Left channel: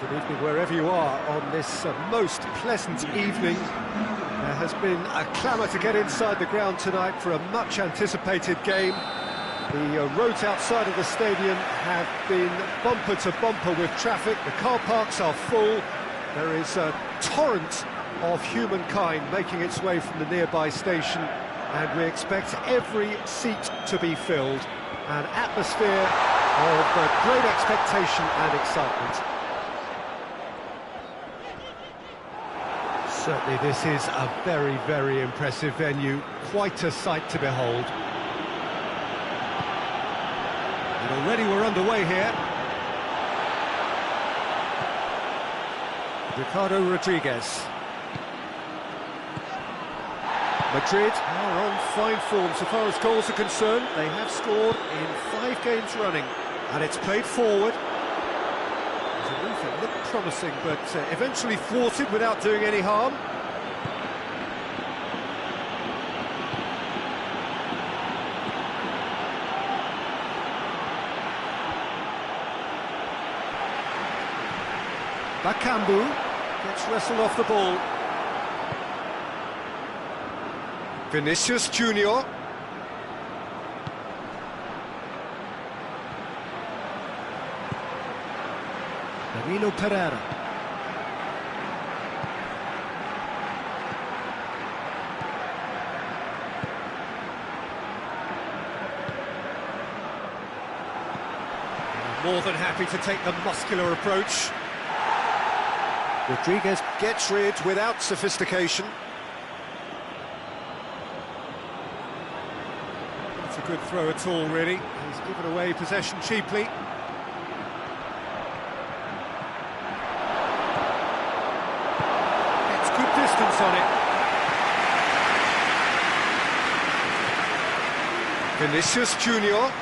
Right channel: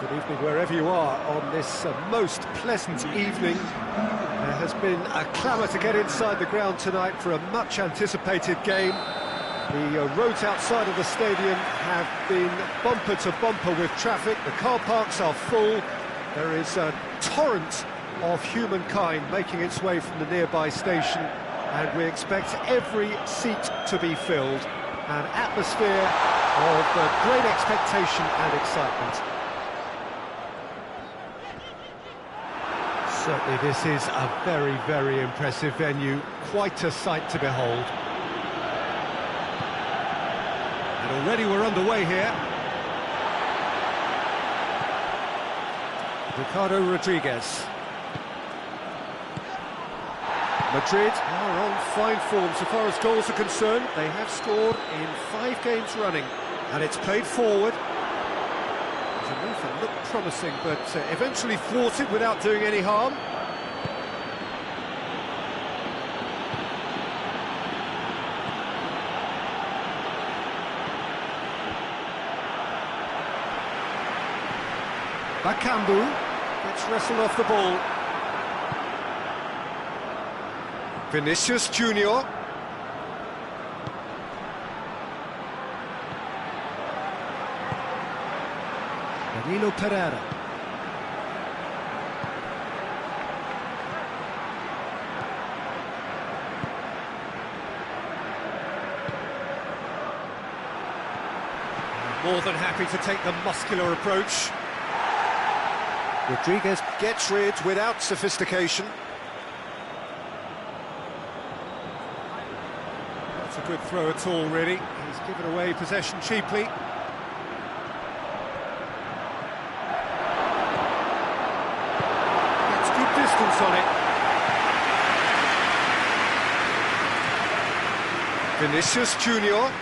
Good evening wherever you are on this most pleasant evening. There has been a clamour to get inside the ground tonight for a much-anticipated game. The roads outside of the stadium have been bumper to bumper with traffic. The car parks are full. There is a torrent of humankind making its way from the nearby station, and we expect every seat to be filled. An atmosphere of great expectation and excitement. Certainly this is a very, very impressive venue, quite a sight to behold. And already we're underway here. Ricardo Rodriguez. Madrid are on fine form so far as goals are concerned. They have scored in 5 games running, and it's played forward. There's a move that looked promising, but eventually thwarted without doing any harm. Bakambu gets wrestled off the ball. Vinicius Junior. Danilo Pereira. More than happy to take the muscular approach. Rodriguez gets rid without sophistication. Not a good throw at all, really. He's given away possession cheaply. Gets good distance on it. Vinicius Junior.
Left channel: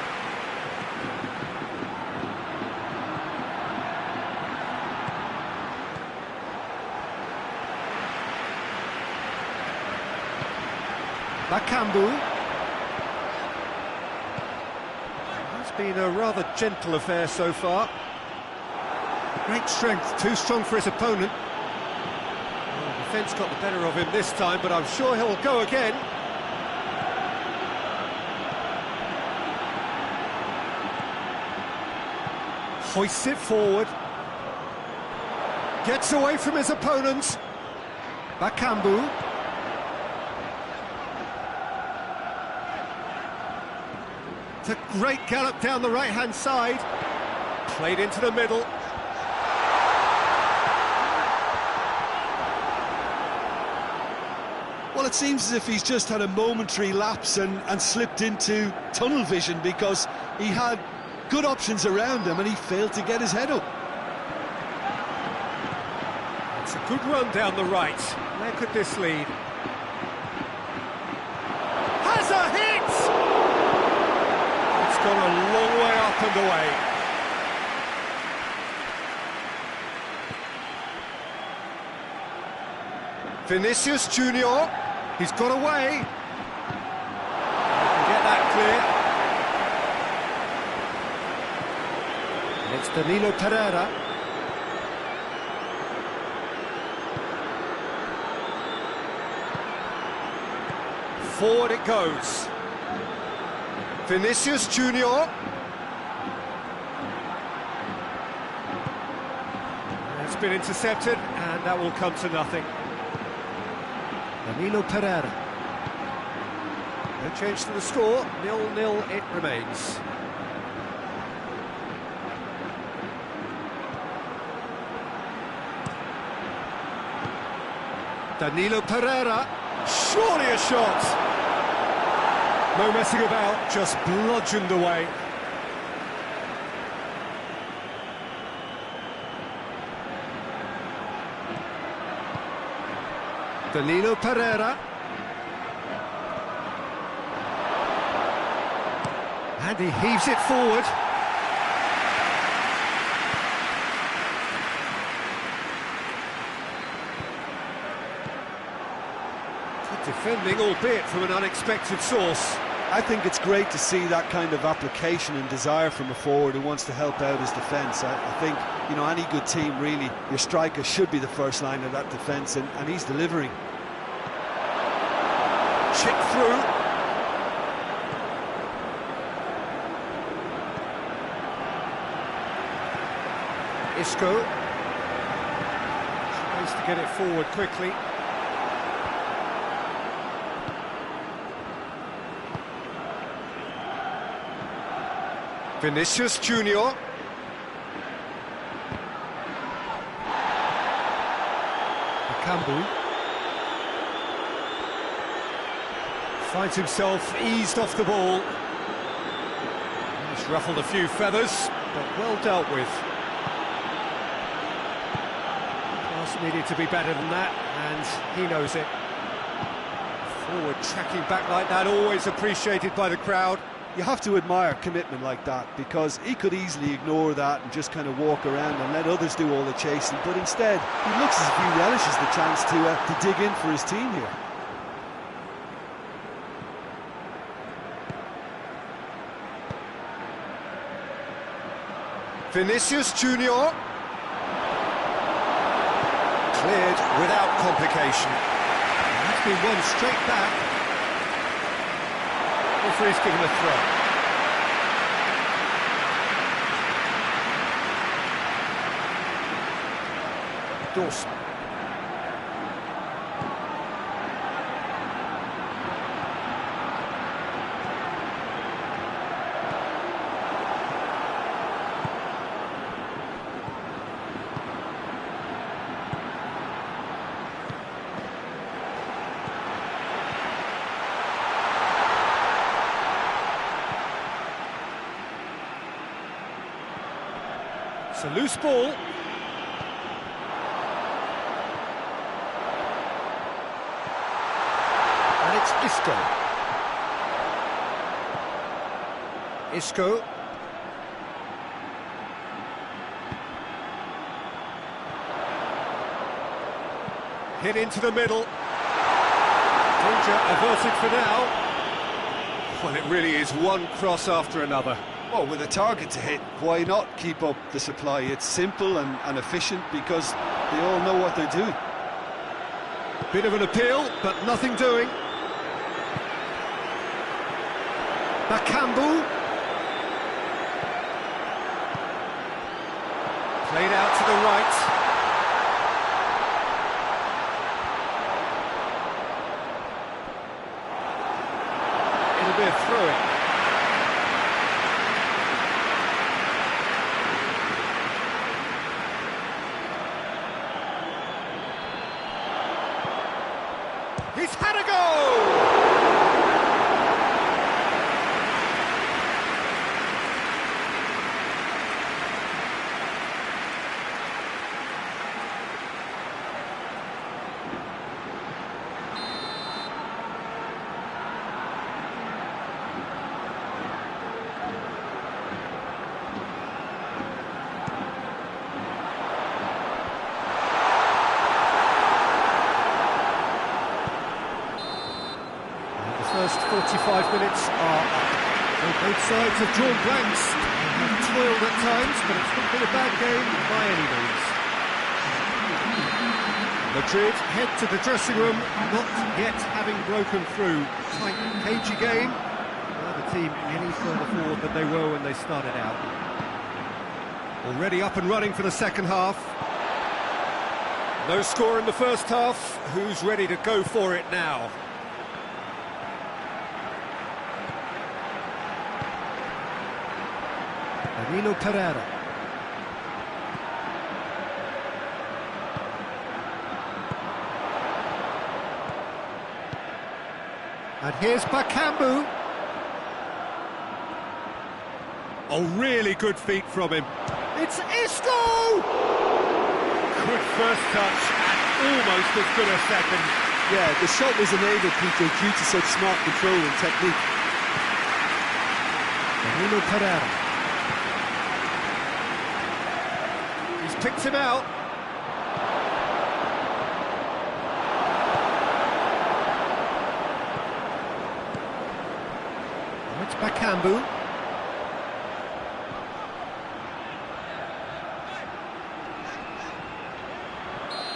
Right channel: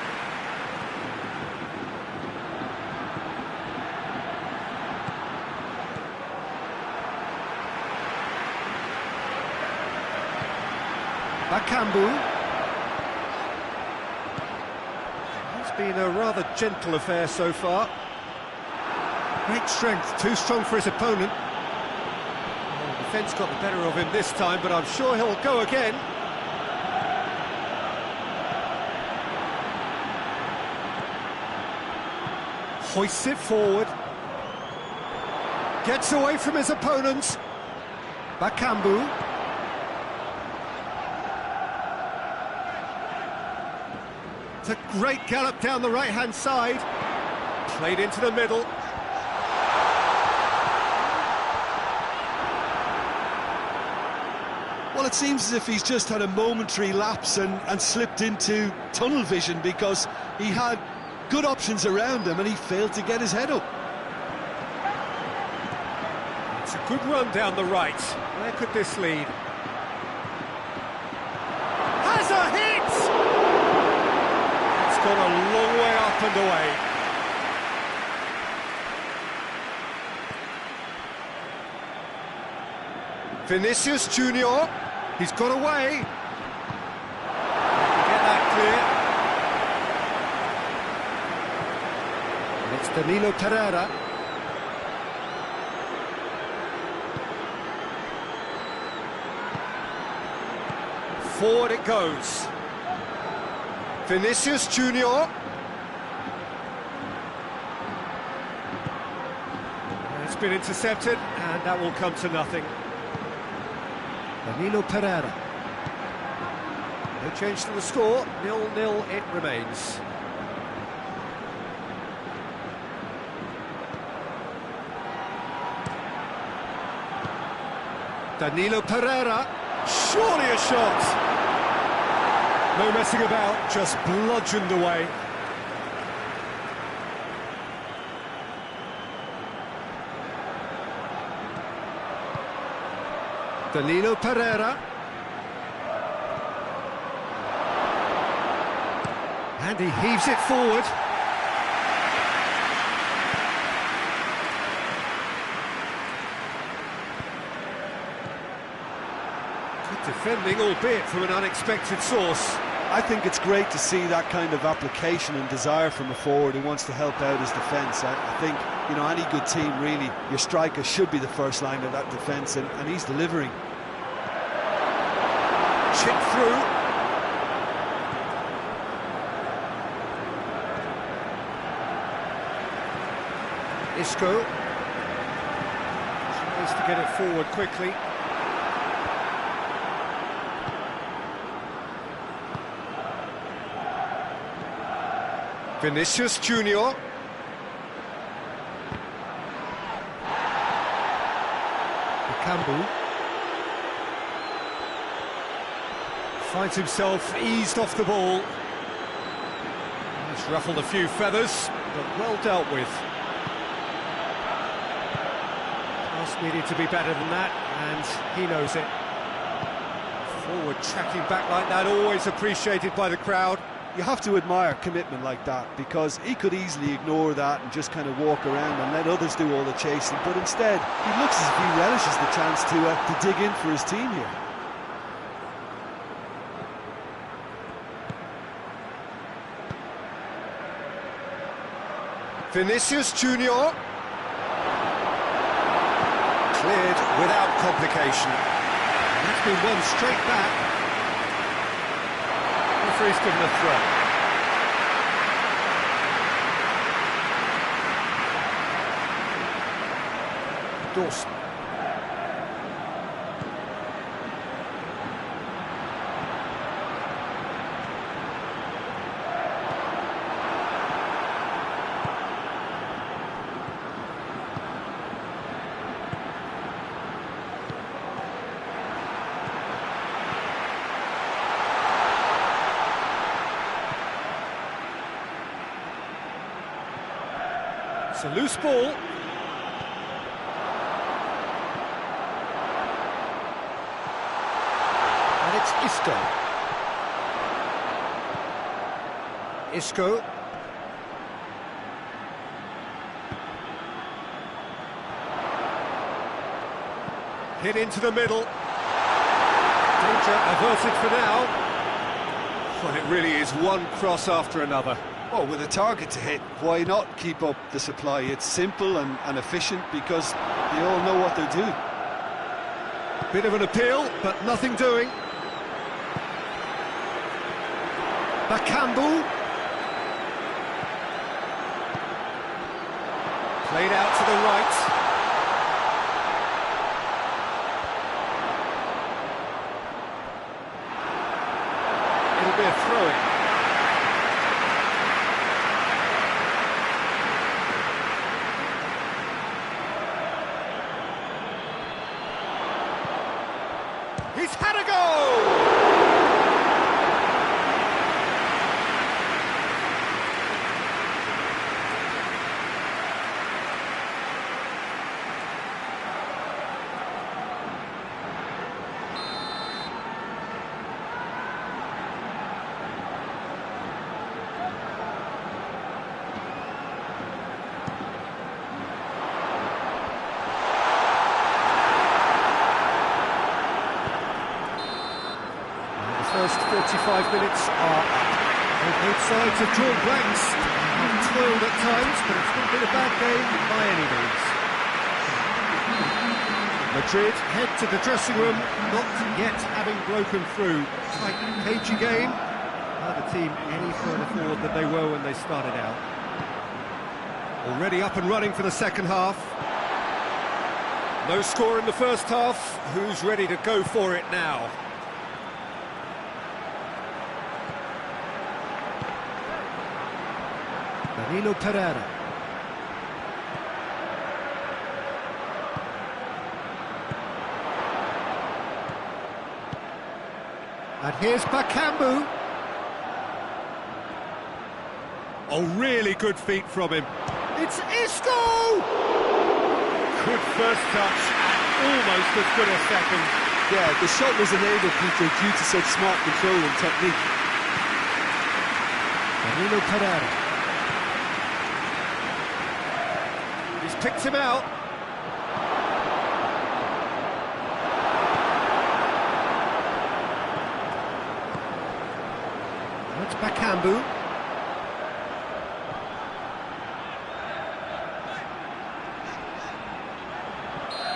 Bakambu. It's been a rather gentle affair so far. Great strength, too strong for his opponent. Well, the defence got the better of him this time, but I'm sure he'll go again. Hoists it forward. Gets away from his opponent. Bakambu. It's a great gallop down the right-hand side. Played into the middle. Well, it seems as if he's just had a momentary lapse and slipped into tunnel vision, because he had good options around him and he failed to get his head up. It's a good run down the right. Where could this lead? Has a hit! It's gone a long way up and away. Vinicius Junior, he's got away. They can get that clear. And it's Danilo Pereira. Forward it goes. Vinicius Junior. It's been intercepted, and that will come to nothing. Danilo Pereira. No change to the score, 0-0 it remains. Danilo Pereira. Surely a shot. No messing about, just bludgeoned away. Danilo Pereira. And he heaves it forward. Good defending, albeit from an unexpected source. I think it's great to see that kind of application and desire from a forward who wants to help out his defence. I think, you know, any good team, really, your striker should be the first line of that defence, and he's delivering. Chip through. Isco tries to get it forward quickly. Vinicius Junior. Bakambu finds himself eased off the ball. He's ruffled a few feathers, but well dealt with. Pass needed to be better than that, and he knows it. Forward tracking back like that, always appreciated by the crowd. You have to admire commitment like that, because he could easily ignore that and just kind of walk around and let others do all the chasing, but instead he looks as if he relishes the chance to dig in for his team here. Vinicius Junior. Cleared without complication. And that's been won straight back. Referee's given a throw. Dawson. It's a loose ball. And it's Isco. Isco. Hit into the middle. Danger averted for now. Well, it really is one cross after another. Well, with a target to hit, why not keep up the supply? It's simple and efficient, because they all know what they're doing. Bit of an appeal, but nothing doing. Bakambu. Played out to the right. It'll be a throw-in. He's had a go! First 45 minutes are up. So both sides have drawn blanks. They have toiled at times, but it's not been a bad game by any means. Madrid head to the dressing room, not yet having broken through. Tight, cagey game. Neither team any further forward than they were when they started out. Already up and running for the second half. No score in the first half. Who's ready to go for it now? Danilo Pereira. And here's Bakambu. Oh, really good feet from him. It's Isco! Good first touch and almost as good a second. Yeah, the shot was enabled, Peter, due to such smart control and technique. Danilo Pereira. He's picked him out. It's Bakambu.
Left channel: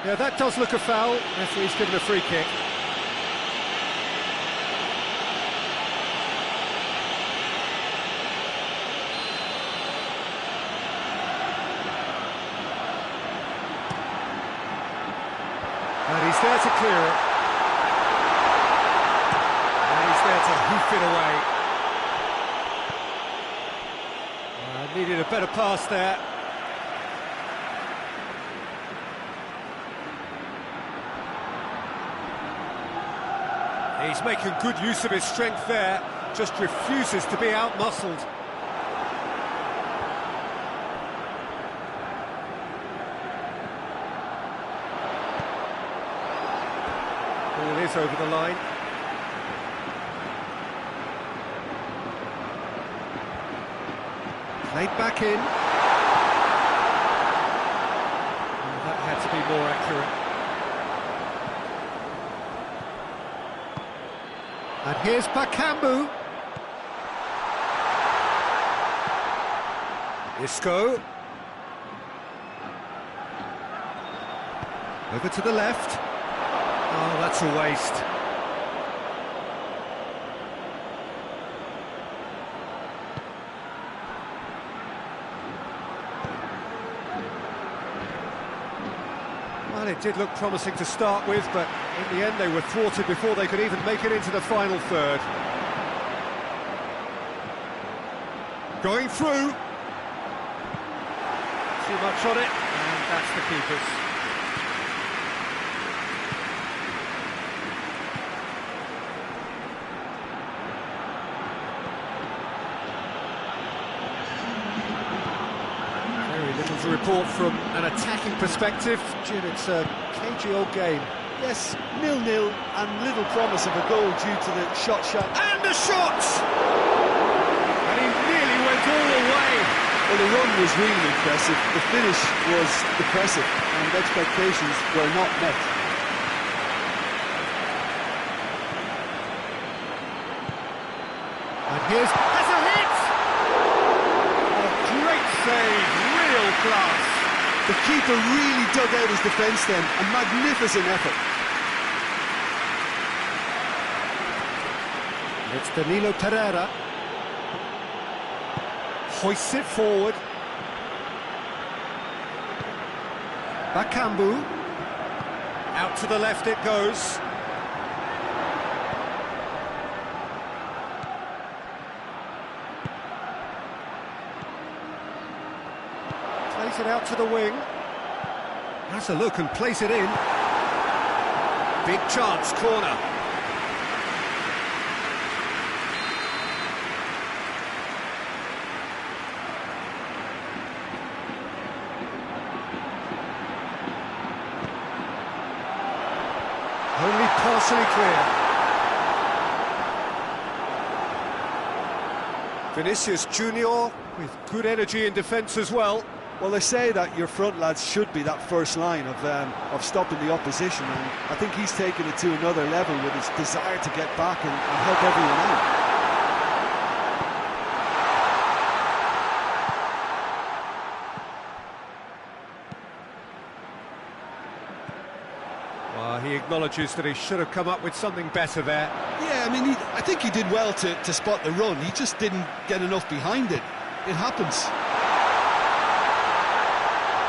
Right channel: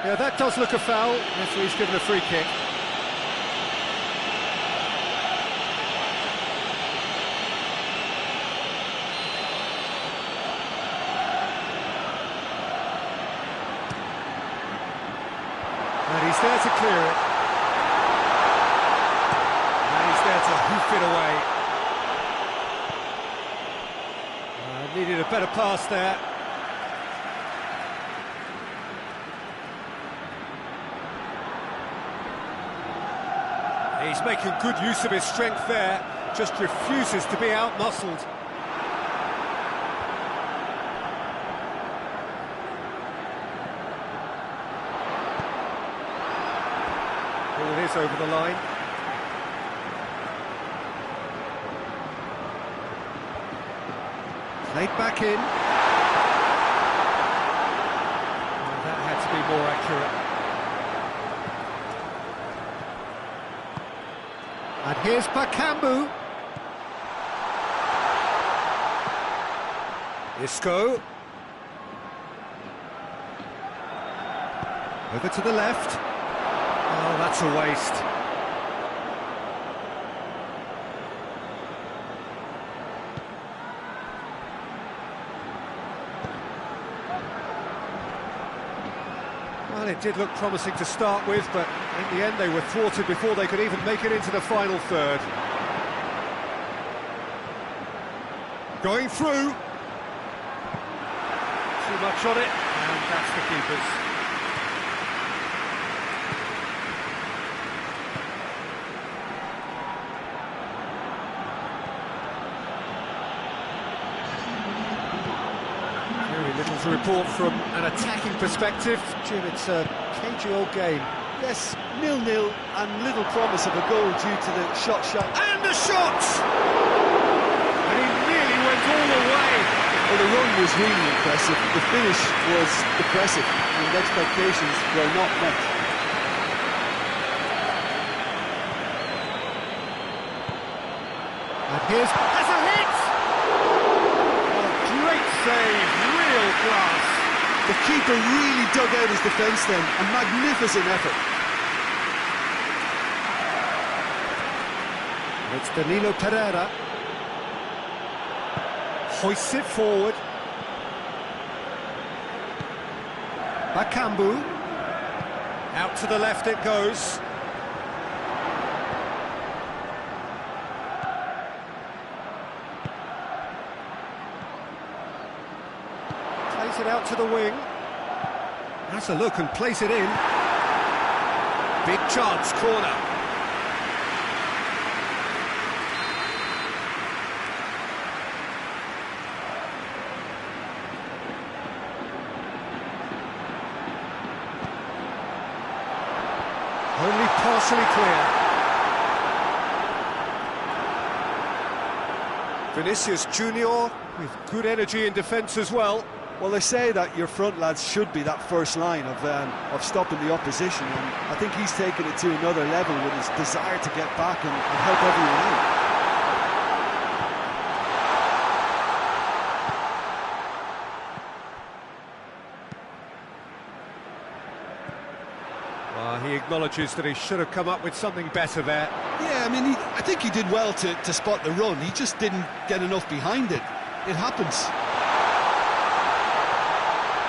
Yeah, that does look a foul. Referee's given a free kick. And he's there to clear it. And he's there to hoof it away. Needed a better pass there. He's making good use of his strength there, just refuses to be out-muscled. Ball is over the line. Played back in. Well, that had to be more accurate. And here's Bakambu. Isco. Over to the left. Oh, that's a waste. Well, it did look promising to start with, but in the end they were thwarted before they could even make it into the final third. Going through. Too much on it, and that's the keeper's. Very little to report from an attacking perspective. Jim, it's a cagey old game. Yes, 0-0 and little promise of a goal due to the shot. And a shot! And he nearly went all the way. Well, the run was really impressive. The finish was depressive, and expectations were not met. And here's... has a hit! Oh, great save, real class. The keeper really dug out his defence then, a magnificent effort. It's Danilo Pereira. Hoists it forward. Bakambu. Out to the left it goes. Plays it out to the wing. Has a look and plays it in. Big chance, corner. Only partially clear. Vinicius Junior with good energy in defence as well. Well, they say that your front lads should be that first line of stopping the opposition, and I think he's taken it to another level with his desire to get back and help everyone out. He acknowledges that he should have come up with something better there. Yeah, I mean, I think he did well to spot the run. He just didn't get enough behind it. It happens.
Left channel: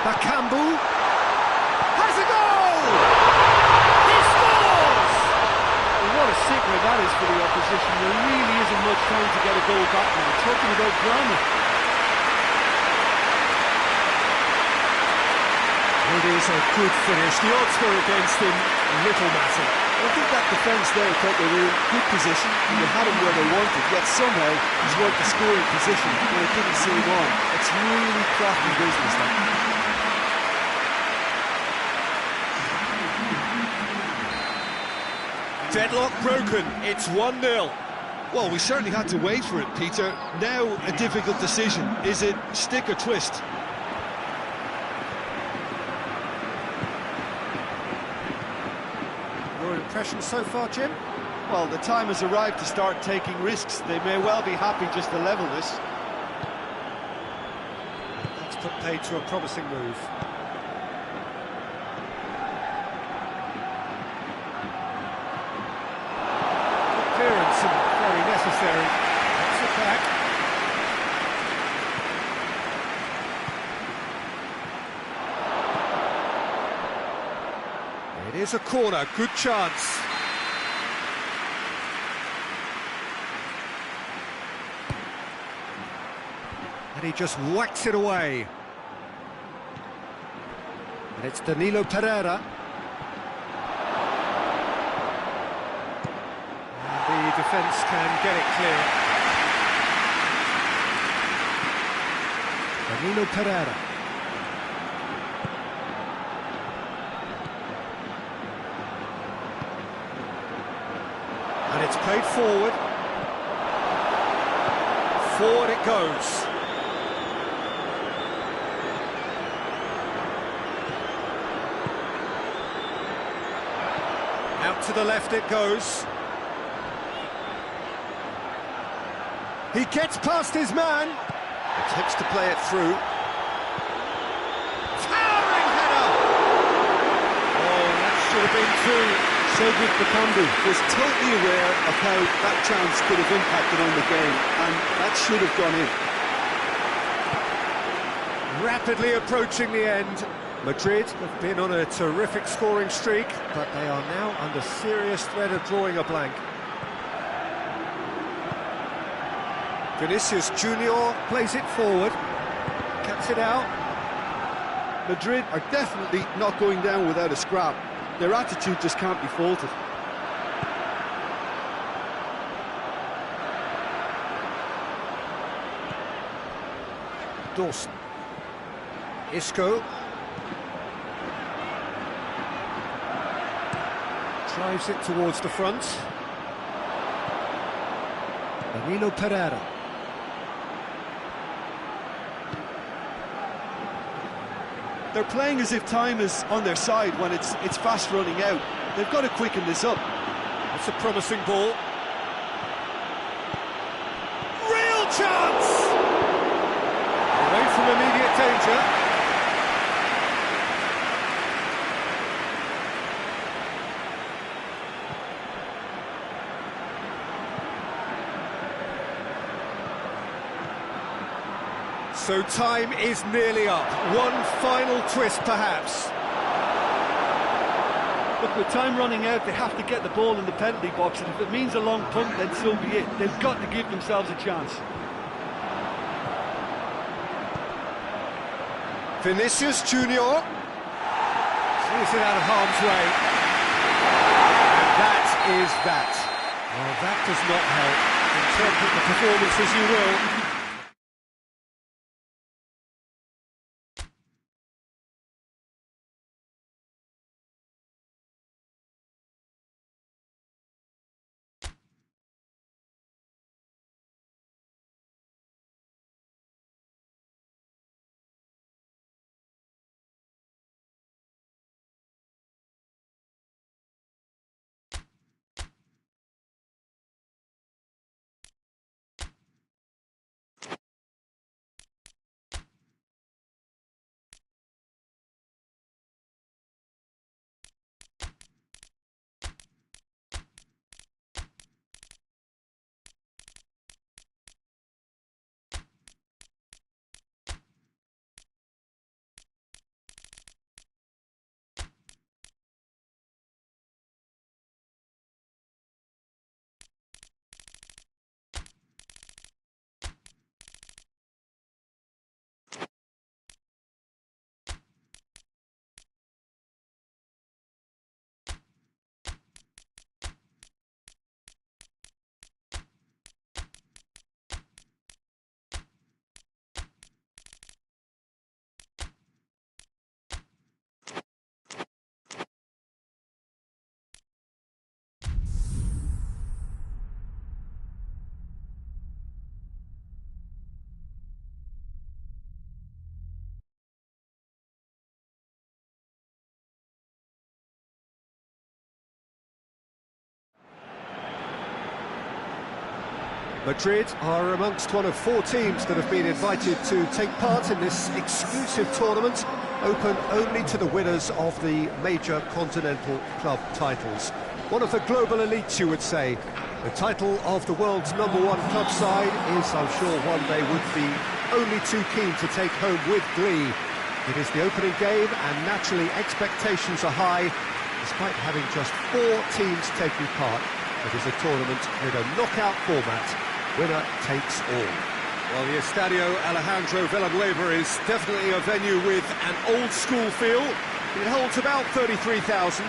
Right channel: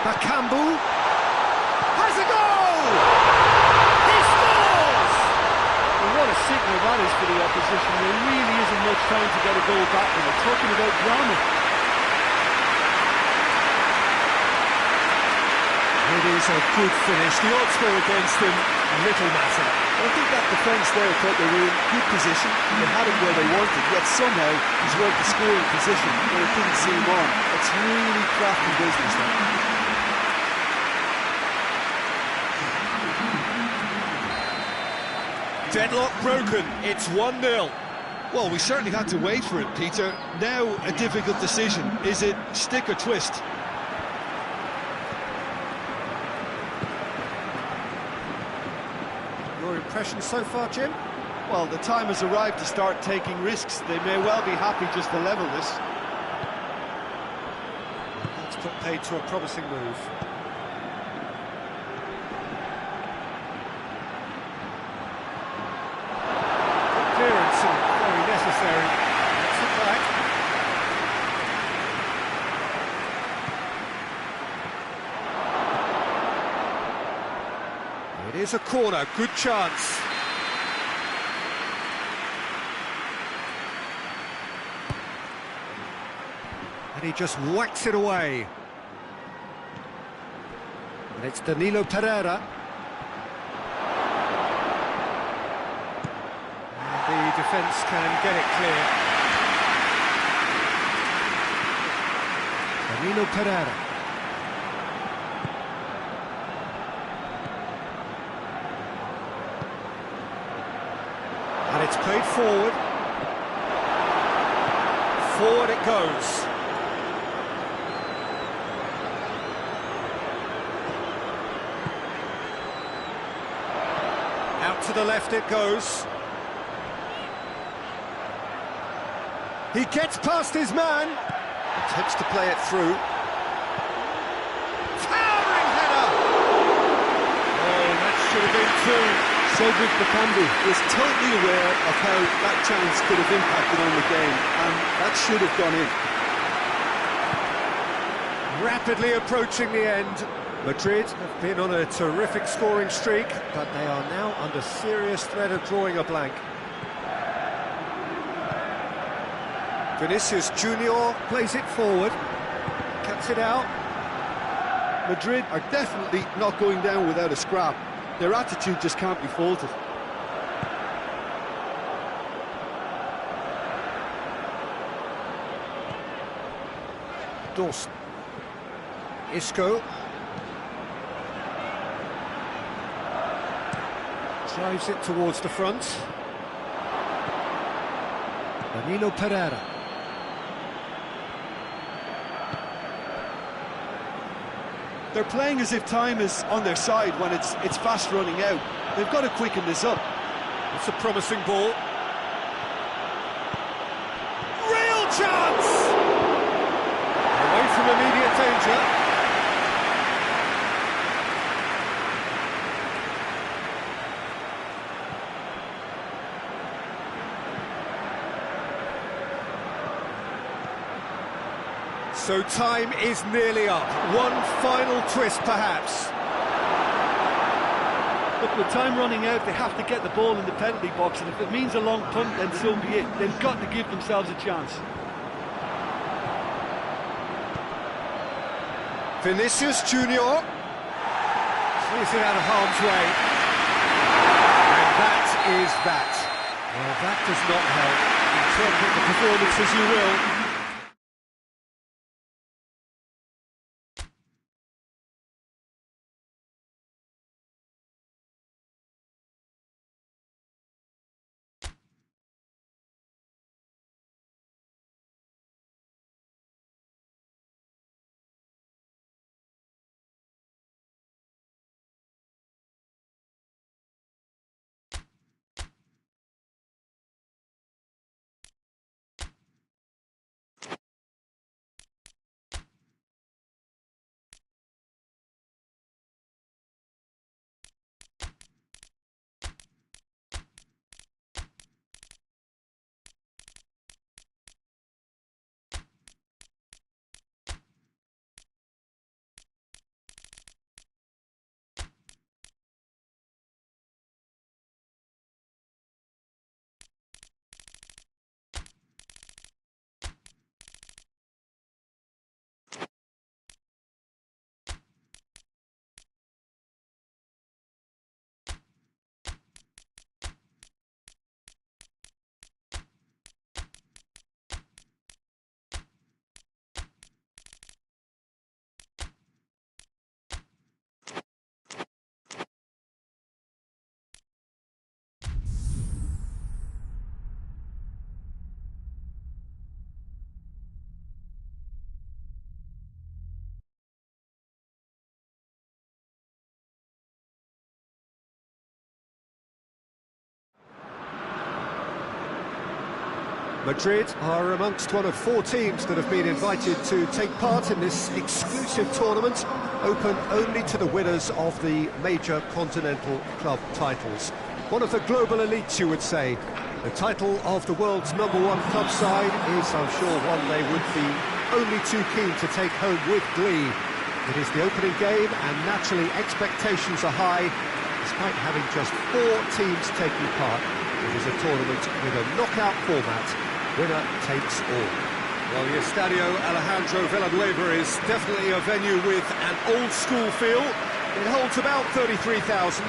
Bakambu has a goal! He scores! Well, what a signal that is for the opposition. There really isn't much time to get a goal back now. Talking about drama. It is a good finish. The odds were against him, little matter. Well, I think that defence there thought they were in good position and they had him where they wanted, yet somehow he's worked the scoring position when it didn't seem on. It's really crafty business, that. Deadlock broken, it's 1-0. Well, we certainly had to wait for it, Peter. Now a difficult decision. Is it stick or twist? Your impression so far, Jim? Well, the time has arrived to start taking risks. They may well be happy just to level this. That's put paid to a promising move. Good clearance and very necessary. That's it back. It is a corner, good chance. And he just whacks it away. And it's Danilo Pereira. And the defence can get it clear. Danilo Pereira. And it's played forward. Forward it goes. Out to the left it goes. He gets past his man. Attempts to play it through. Towering header! Oh, that should have been two. Cedric Bakambu was totally aware of how that chance could have impacted on the game, and that should have gone in. Rapidly approaching the end. Madrid have been on a terrific scoring streak, but they are now under serious threat of drawing a blank. Vinicius Junior plays it forward, cuts it out. Madrid are definitely not going down without a scrap. Their attitude just can't be faulted. Dawson. Isco. Drives it towards the front. Danilo Pereira. They're playing as if time is on their side when it's fast running out. They've got to quicken this up. That's a promising ball. Real chance! Away from immediate danger. So time is nearly up. One final twist, perhaps. Look, with time running out, they have to get the ball in the penalty box, and if it means a long punt, then so be it. They've got to give themselves a chance. Vinicius Junior clears it out of harm's way. And that is that. Well, that does not help. Interpret the performance as you will. Madrid are amongst one of 4 teams that have been invited to take part in this exclusive tournament, open only to the winners of the major continental club titles. One of the global elites, you would say. The title of the world's #1 club side is, I'm sure, one they would be only too keen to take home with glee. It is the opening game, and naturally expectations are high, despite having just 4 teams taking part. It is a tournament with a knockout format. Winner takes all. Well, the Estadio Alejandro Villanueva is definitely a venue with an old-school feel. It holds about 33,000.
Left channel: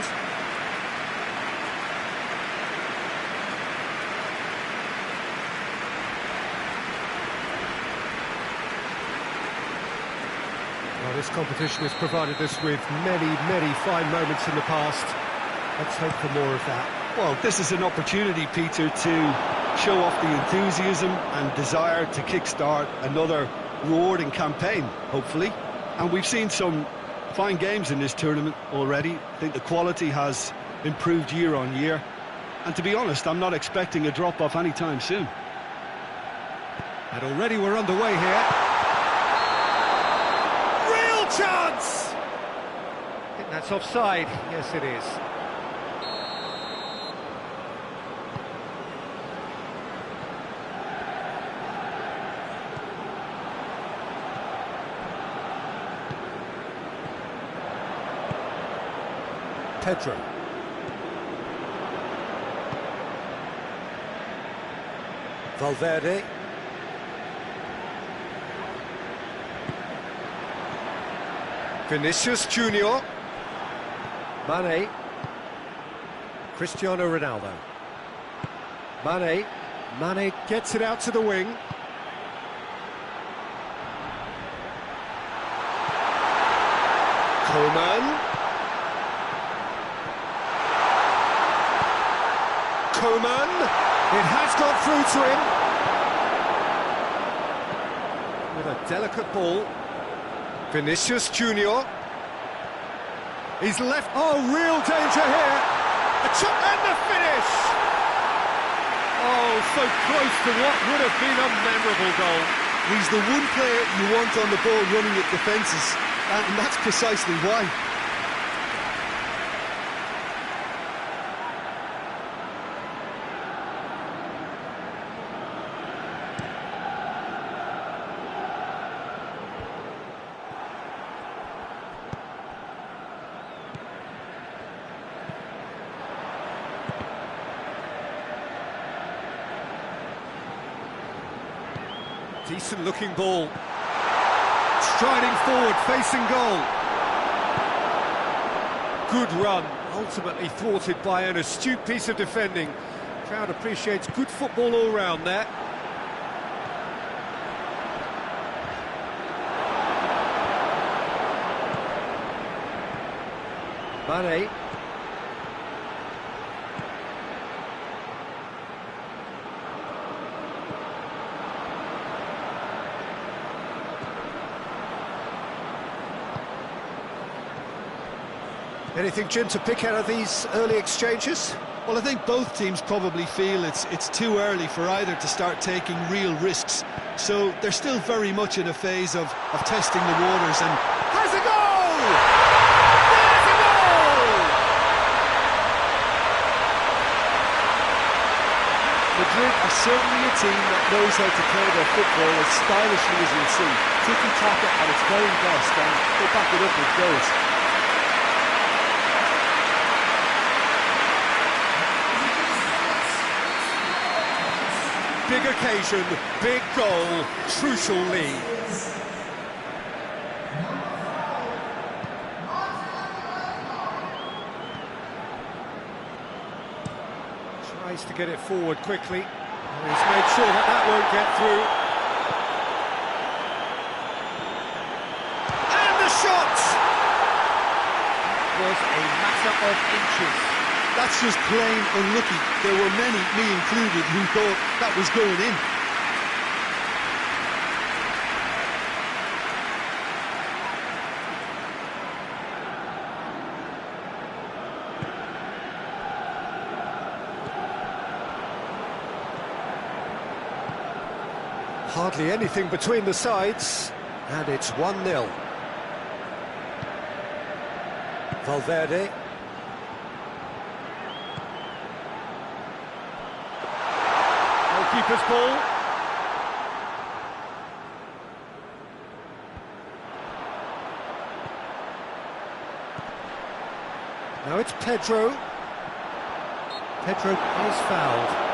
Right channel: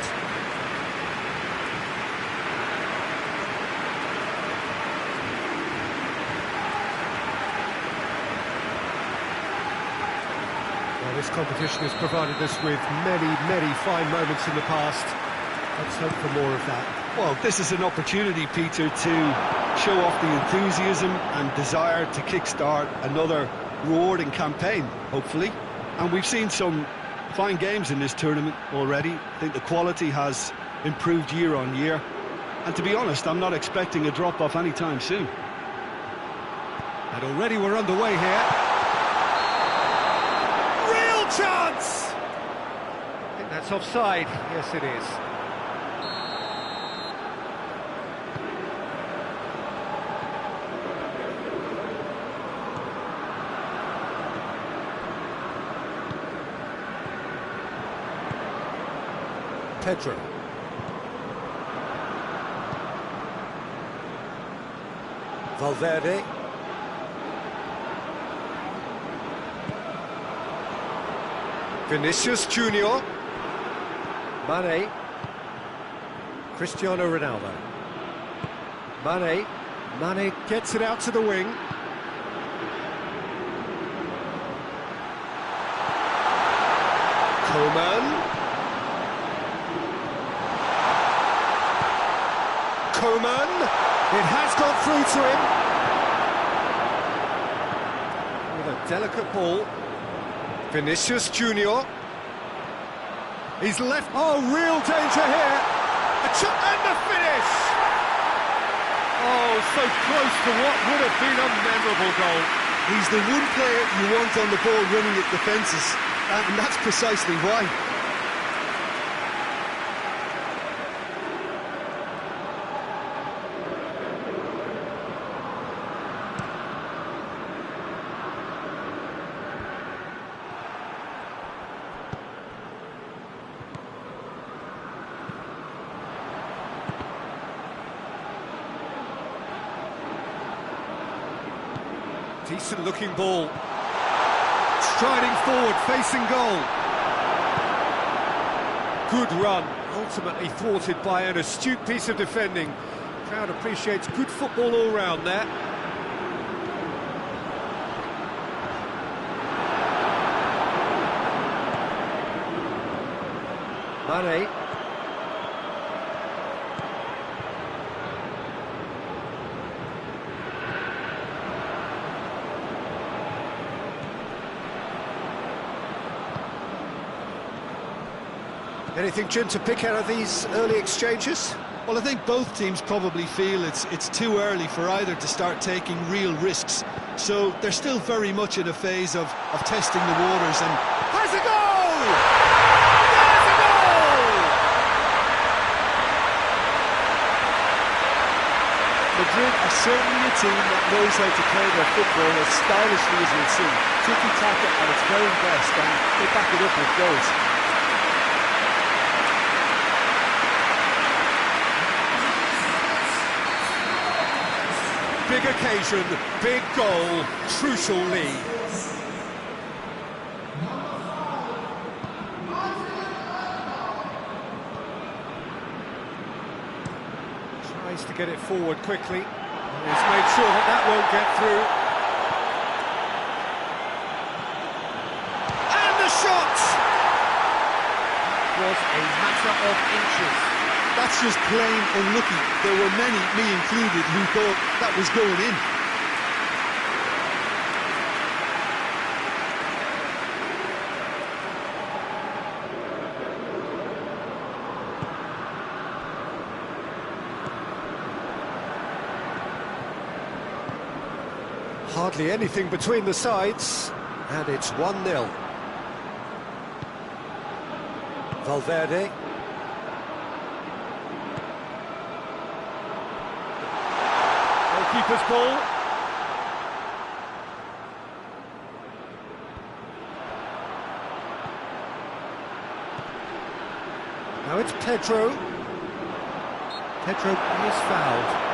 Well, this competition has provided us with many fine moments in the past. Let's hope for more of that. Well, this is an opportunity, Peter, to show off the enthusiasm and desire to kickstart another rewarding campaign, hopefully. And we've seen some fine games in this tournament already. I think the quality has improved year on year. And to be honest, I'm not expecting a drop-off anytime soon. And already we're underway here. Real chance! I think that's offside. Yes, it is. Pedro. Valverde. Vinicius Junior. Mane. Cristiano Ronaldo. Mane. Mane gets it out to the wing. Coman. Coman, it has gone through to him with a delicate ball. Vinicius Junior, he's left. Oh, real danger here. And the finish. Oh, so close to what would have been a memorable goal. He's the one player you want on the ball running at defences, and that's precisely why. Decent looking ball. Striding forward, facing goal. Good run, ultimately thwarted by an astute piece of defending. Crowd appreciates good football all round there. Mane. Anything, Jim, to pick out of these early exchanges? Well, I think both teams probably feel it's too early for either to start taking real risks. So they're still very much in a phase of testing the waters and... Has a goal! There's a goal! Madrid are certainly a team that knows how to play their football as stylishly as you'll see. Tiki-taka at its very best, and they back it up with goals. Big occasion, big goal, crucial lead. Tries to get it forward quickly. He's made sure that that won't get through. And the shot! Was a matter of inches. That's just plain unlucky. There were many, me included, who thought that was going in. Hardly anything between the sides, and it's 1-0. Valverde. Goalkeeper's ball. Now it's Pedro. Pedro is fouled.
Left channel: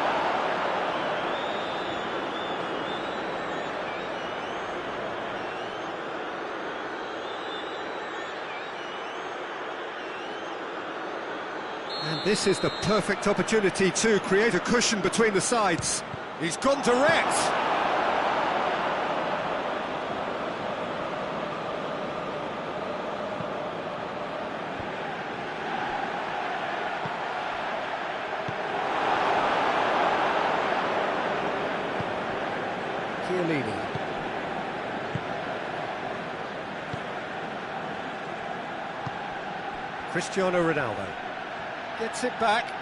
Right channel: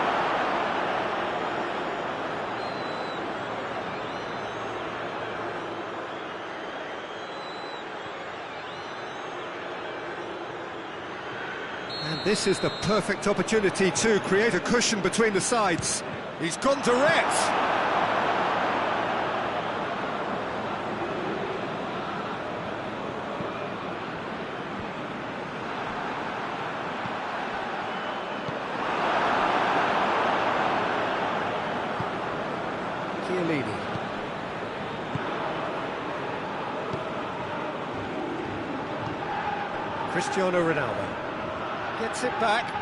And this is the perfect opportunity to create a cushion between the sides. He's gone direct. Chiellini. Cristiano Ronaldo gets it back.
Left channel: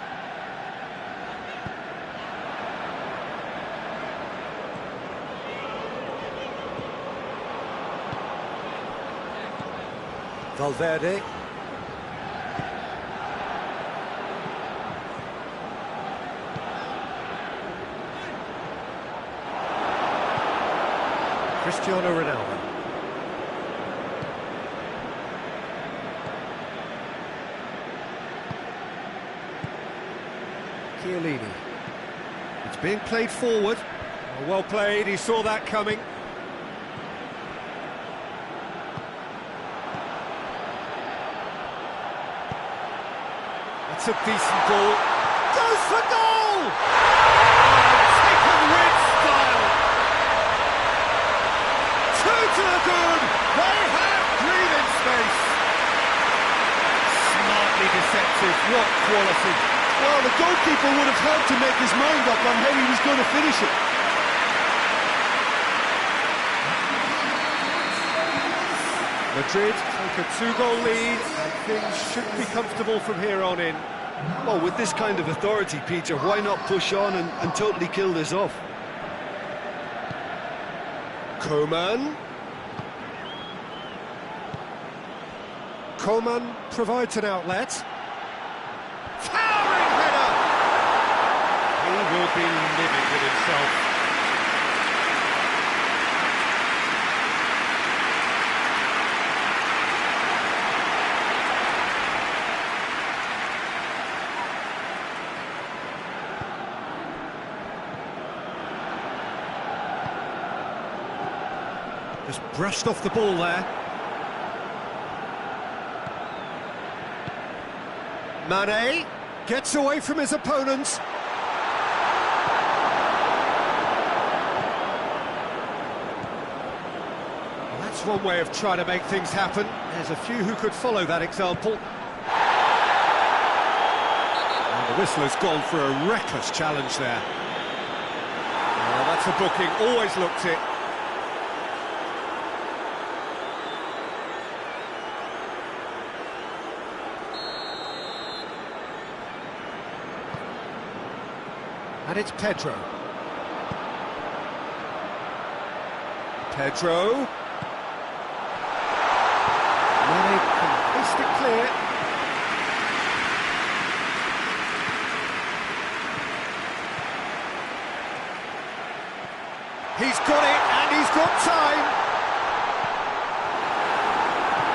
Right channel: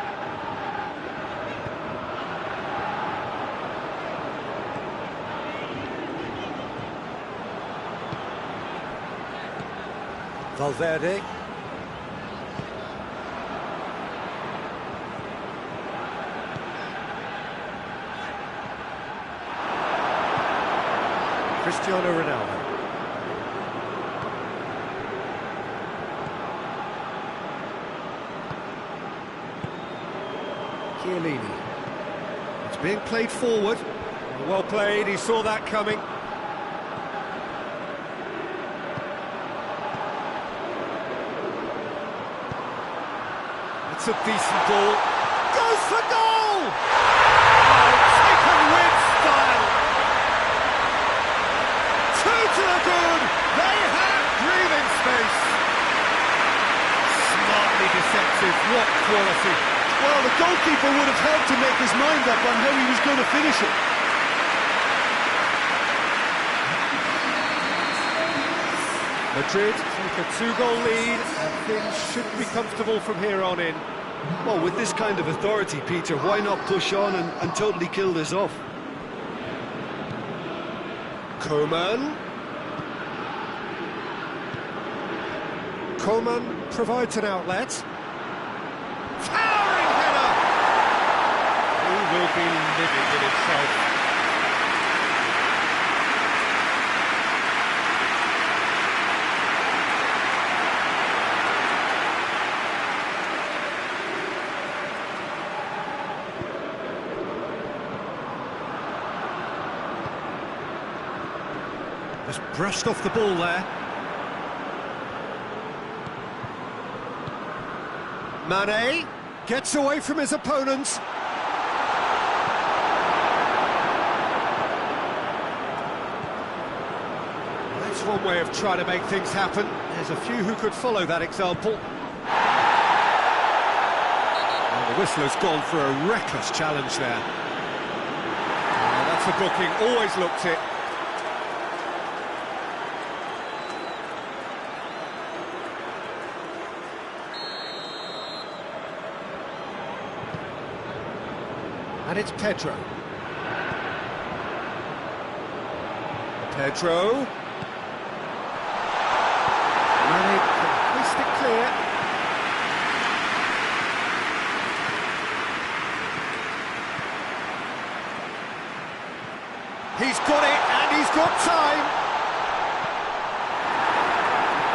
Valverde. Cristiano Ronaldo. Chiellini. It's being played forward. Well played, he saw that coming. That's a decent ball. Goes for goal! Oh, taken with style. Two to the good. They have breathing space. Smartly deceptive. What quality. Well, the goalkeeper would have had to make his mind up on how he was going to finish it. Madrid take a 2-goal lead, and things should be comfortable from here on in. Well, with this kind of authority, Peter, why not push on and totally kill this off? Koeman. Koeman provides an outlet. Towering header! He will be livid with himself. Just brushed off the ball there. Mane gets away from his opponents. Well, that's one way of trying to make things happen. There's a few who could follow that example. And the whistle has gone for a reckless challenge there. Well, that's a booking, always looked it. And it's Pedro. Pedro. Mane can hoist it clear. He's got it, and he's got time.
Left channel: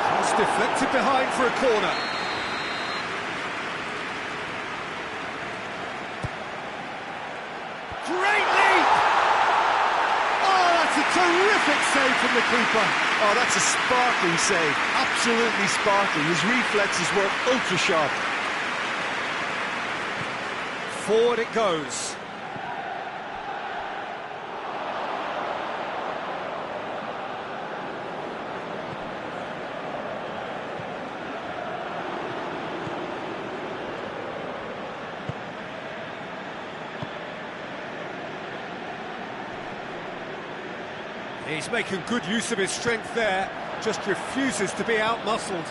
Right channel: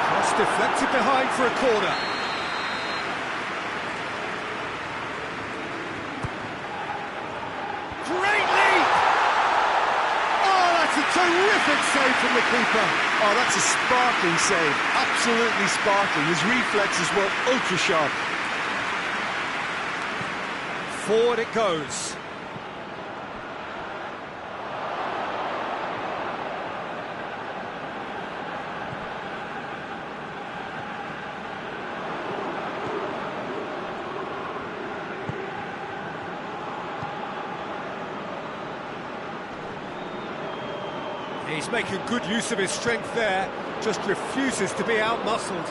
Cross deflected behind for a corner. Great leap! Oh, that's a terrific save from the keeper. Oh, that's a sparkling save. Absolutely sparkling. His reflexes were ultra sharp. Forward it goes. He's making good use of his strength there, just refuses to be out-muscled.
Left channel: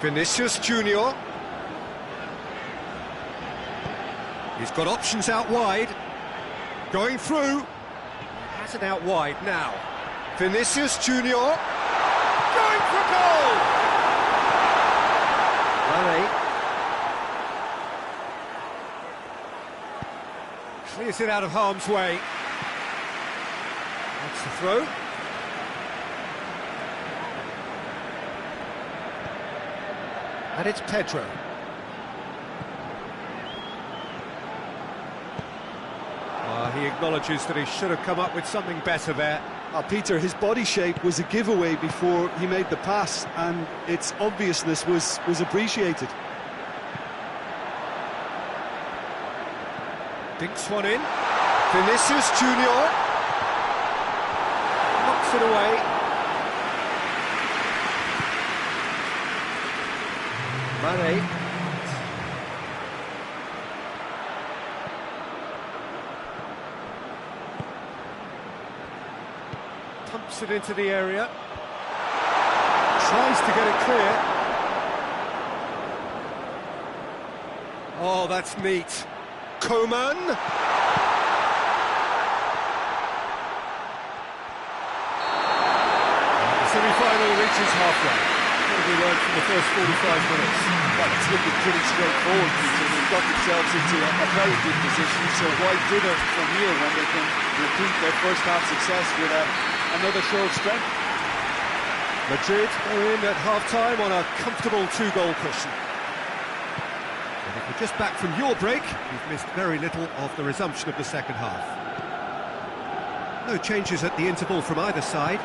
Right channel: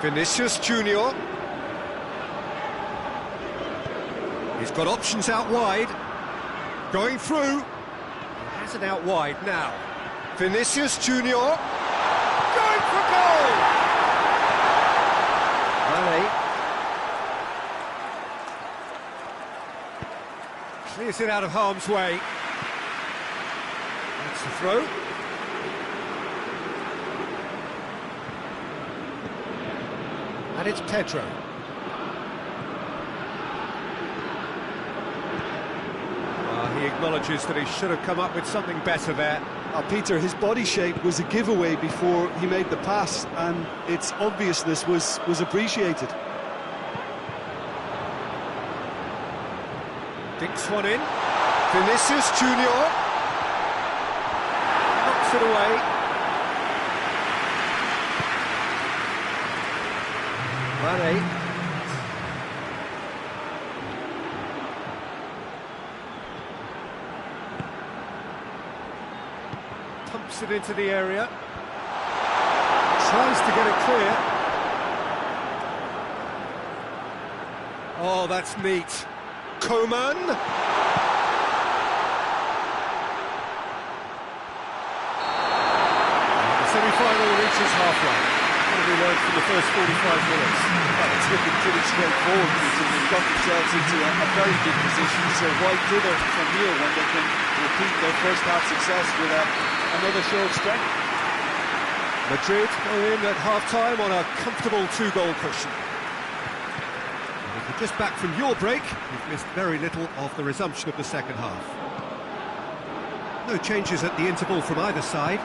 Vinicius Junior. He's got options out wide. Going through. Has it out wide now. Vinicius Junior going for goal. Mane clears it out of harm's way. That's the throw. And it's Pedro. He acknowledges that he should have come up with something better there. Peter, his body shape was a giveaway before he made the pass, and its obviousness was appreciated. Dinks one in. Vinicius Junior knocks it away. Mane. Pumps it into the area. Tries to get it clear. Oh, that's neat. Coman. The semi-final reaches halfway. What have we learned from the first 45 minutes? Well, it's looking pretty straightforward, Peter. They've got themselves into a very good position, so why dither from here when they can repeat their first half success with another show of strength? Madrid go in at half-time on a comfortable 2-goal cushion. And if you're just back from your break, you've missed very little of the resumption of the second half. No changes at the interval from either side.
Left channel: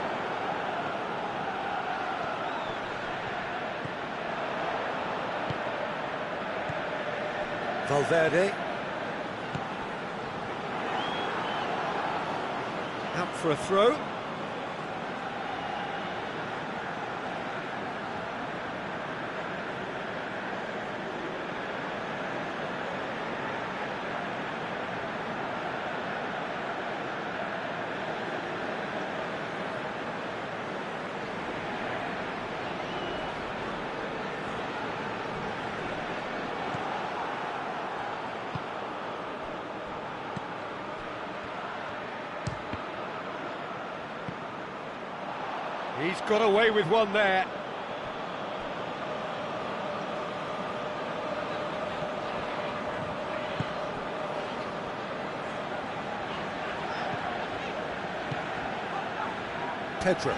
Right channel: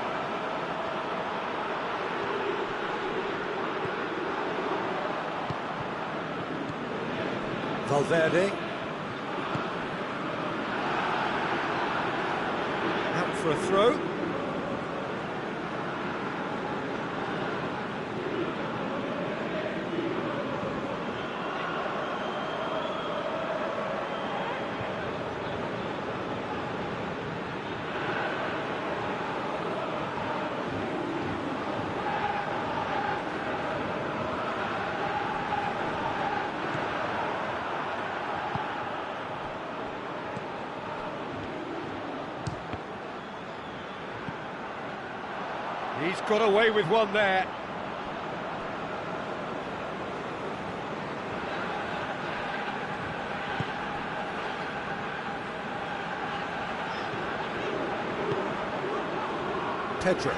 Valverde. Out for a throw. He's got away with one there. Pedro.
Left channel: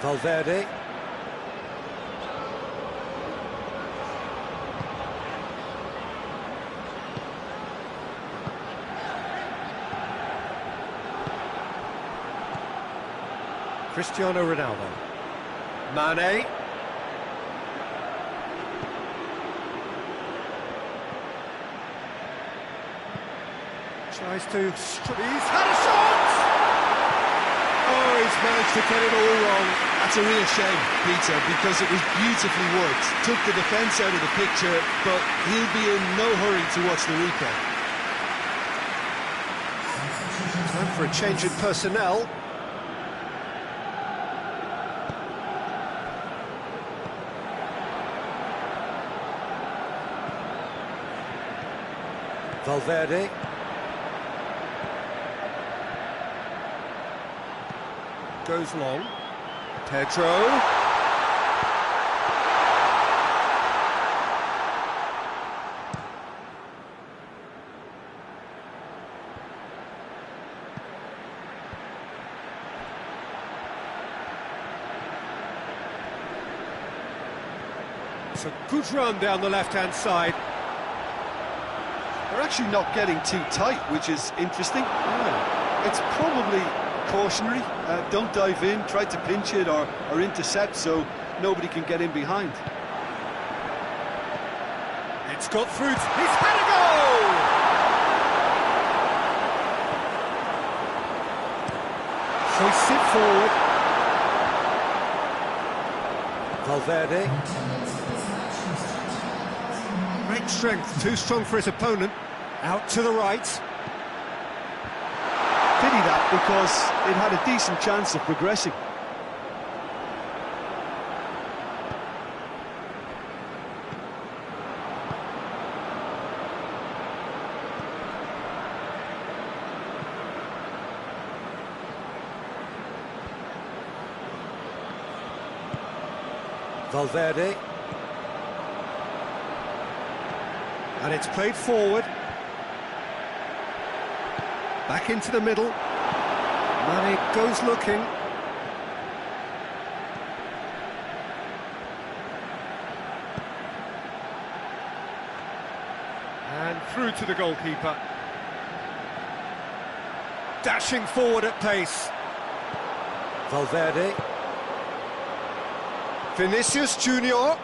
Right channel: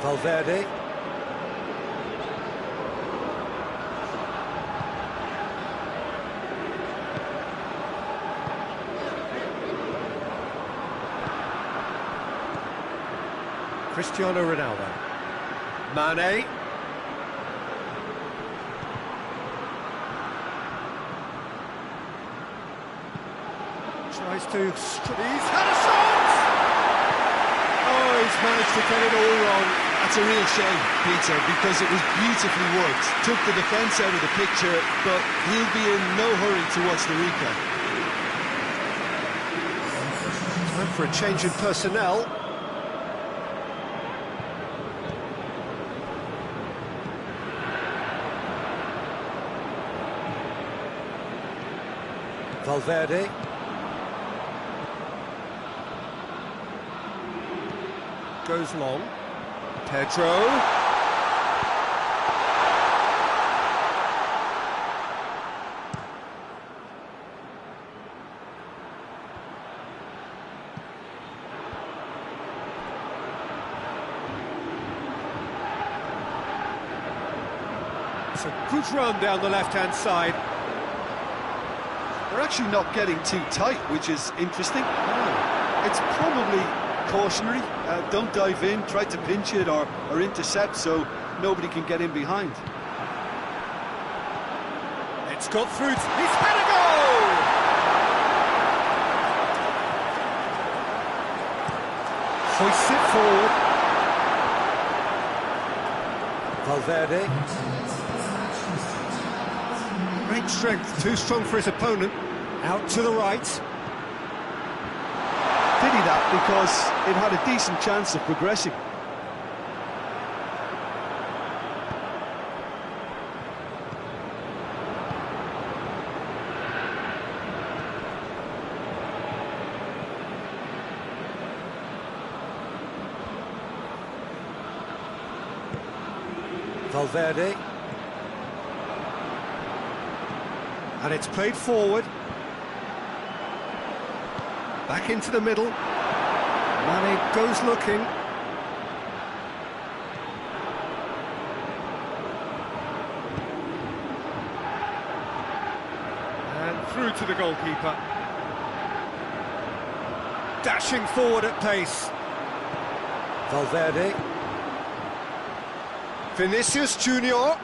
Valverde. Cristiano Ronaldo. Mane. Tries to... He's had a shot! Oh, he's managed to get it all wrong. That's a real shame, Peter, because it was beautifully worked. Took the defence out of the picture, but he'll be in no hurry to watch the replay. Time for a change in personnel. Valverde. Goes long. Pedro. It's a good run down the left-hand side. They're actually not getting too tight, which is interesting. It's probably cautionary. Don't dive in, try to pinch it or intercept so nobody can get in behind. It's got through. He's had a goal! Hoists it forward. Valverde. Great strength, too strong for his opponent. Out to the right. Pity that, because it had a decent chance of progressing. Valverde. And it's played forward. Back into the middle. Mane goes looking. And through to the goalkeeper. Dashing forward at pace. Valverde. Vinicius Junior.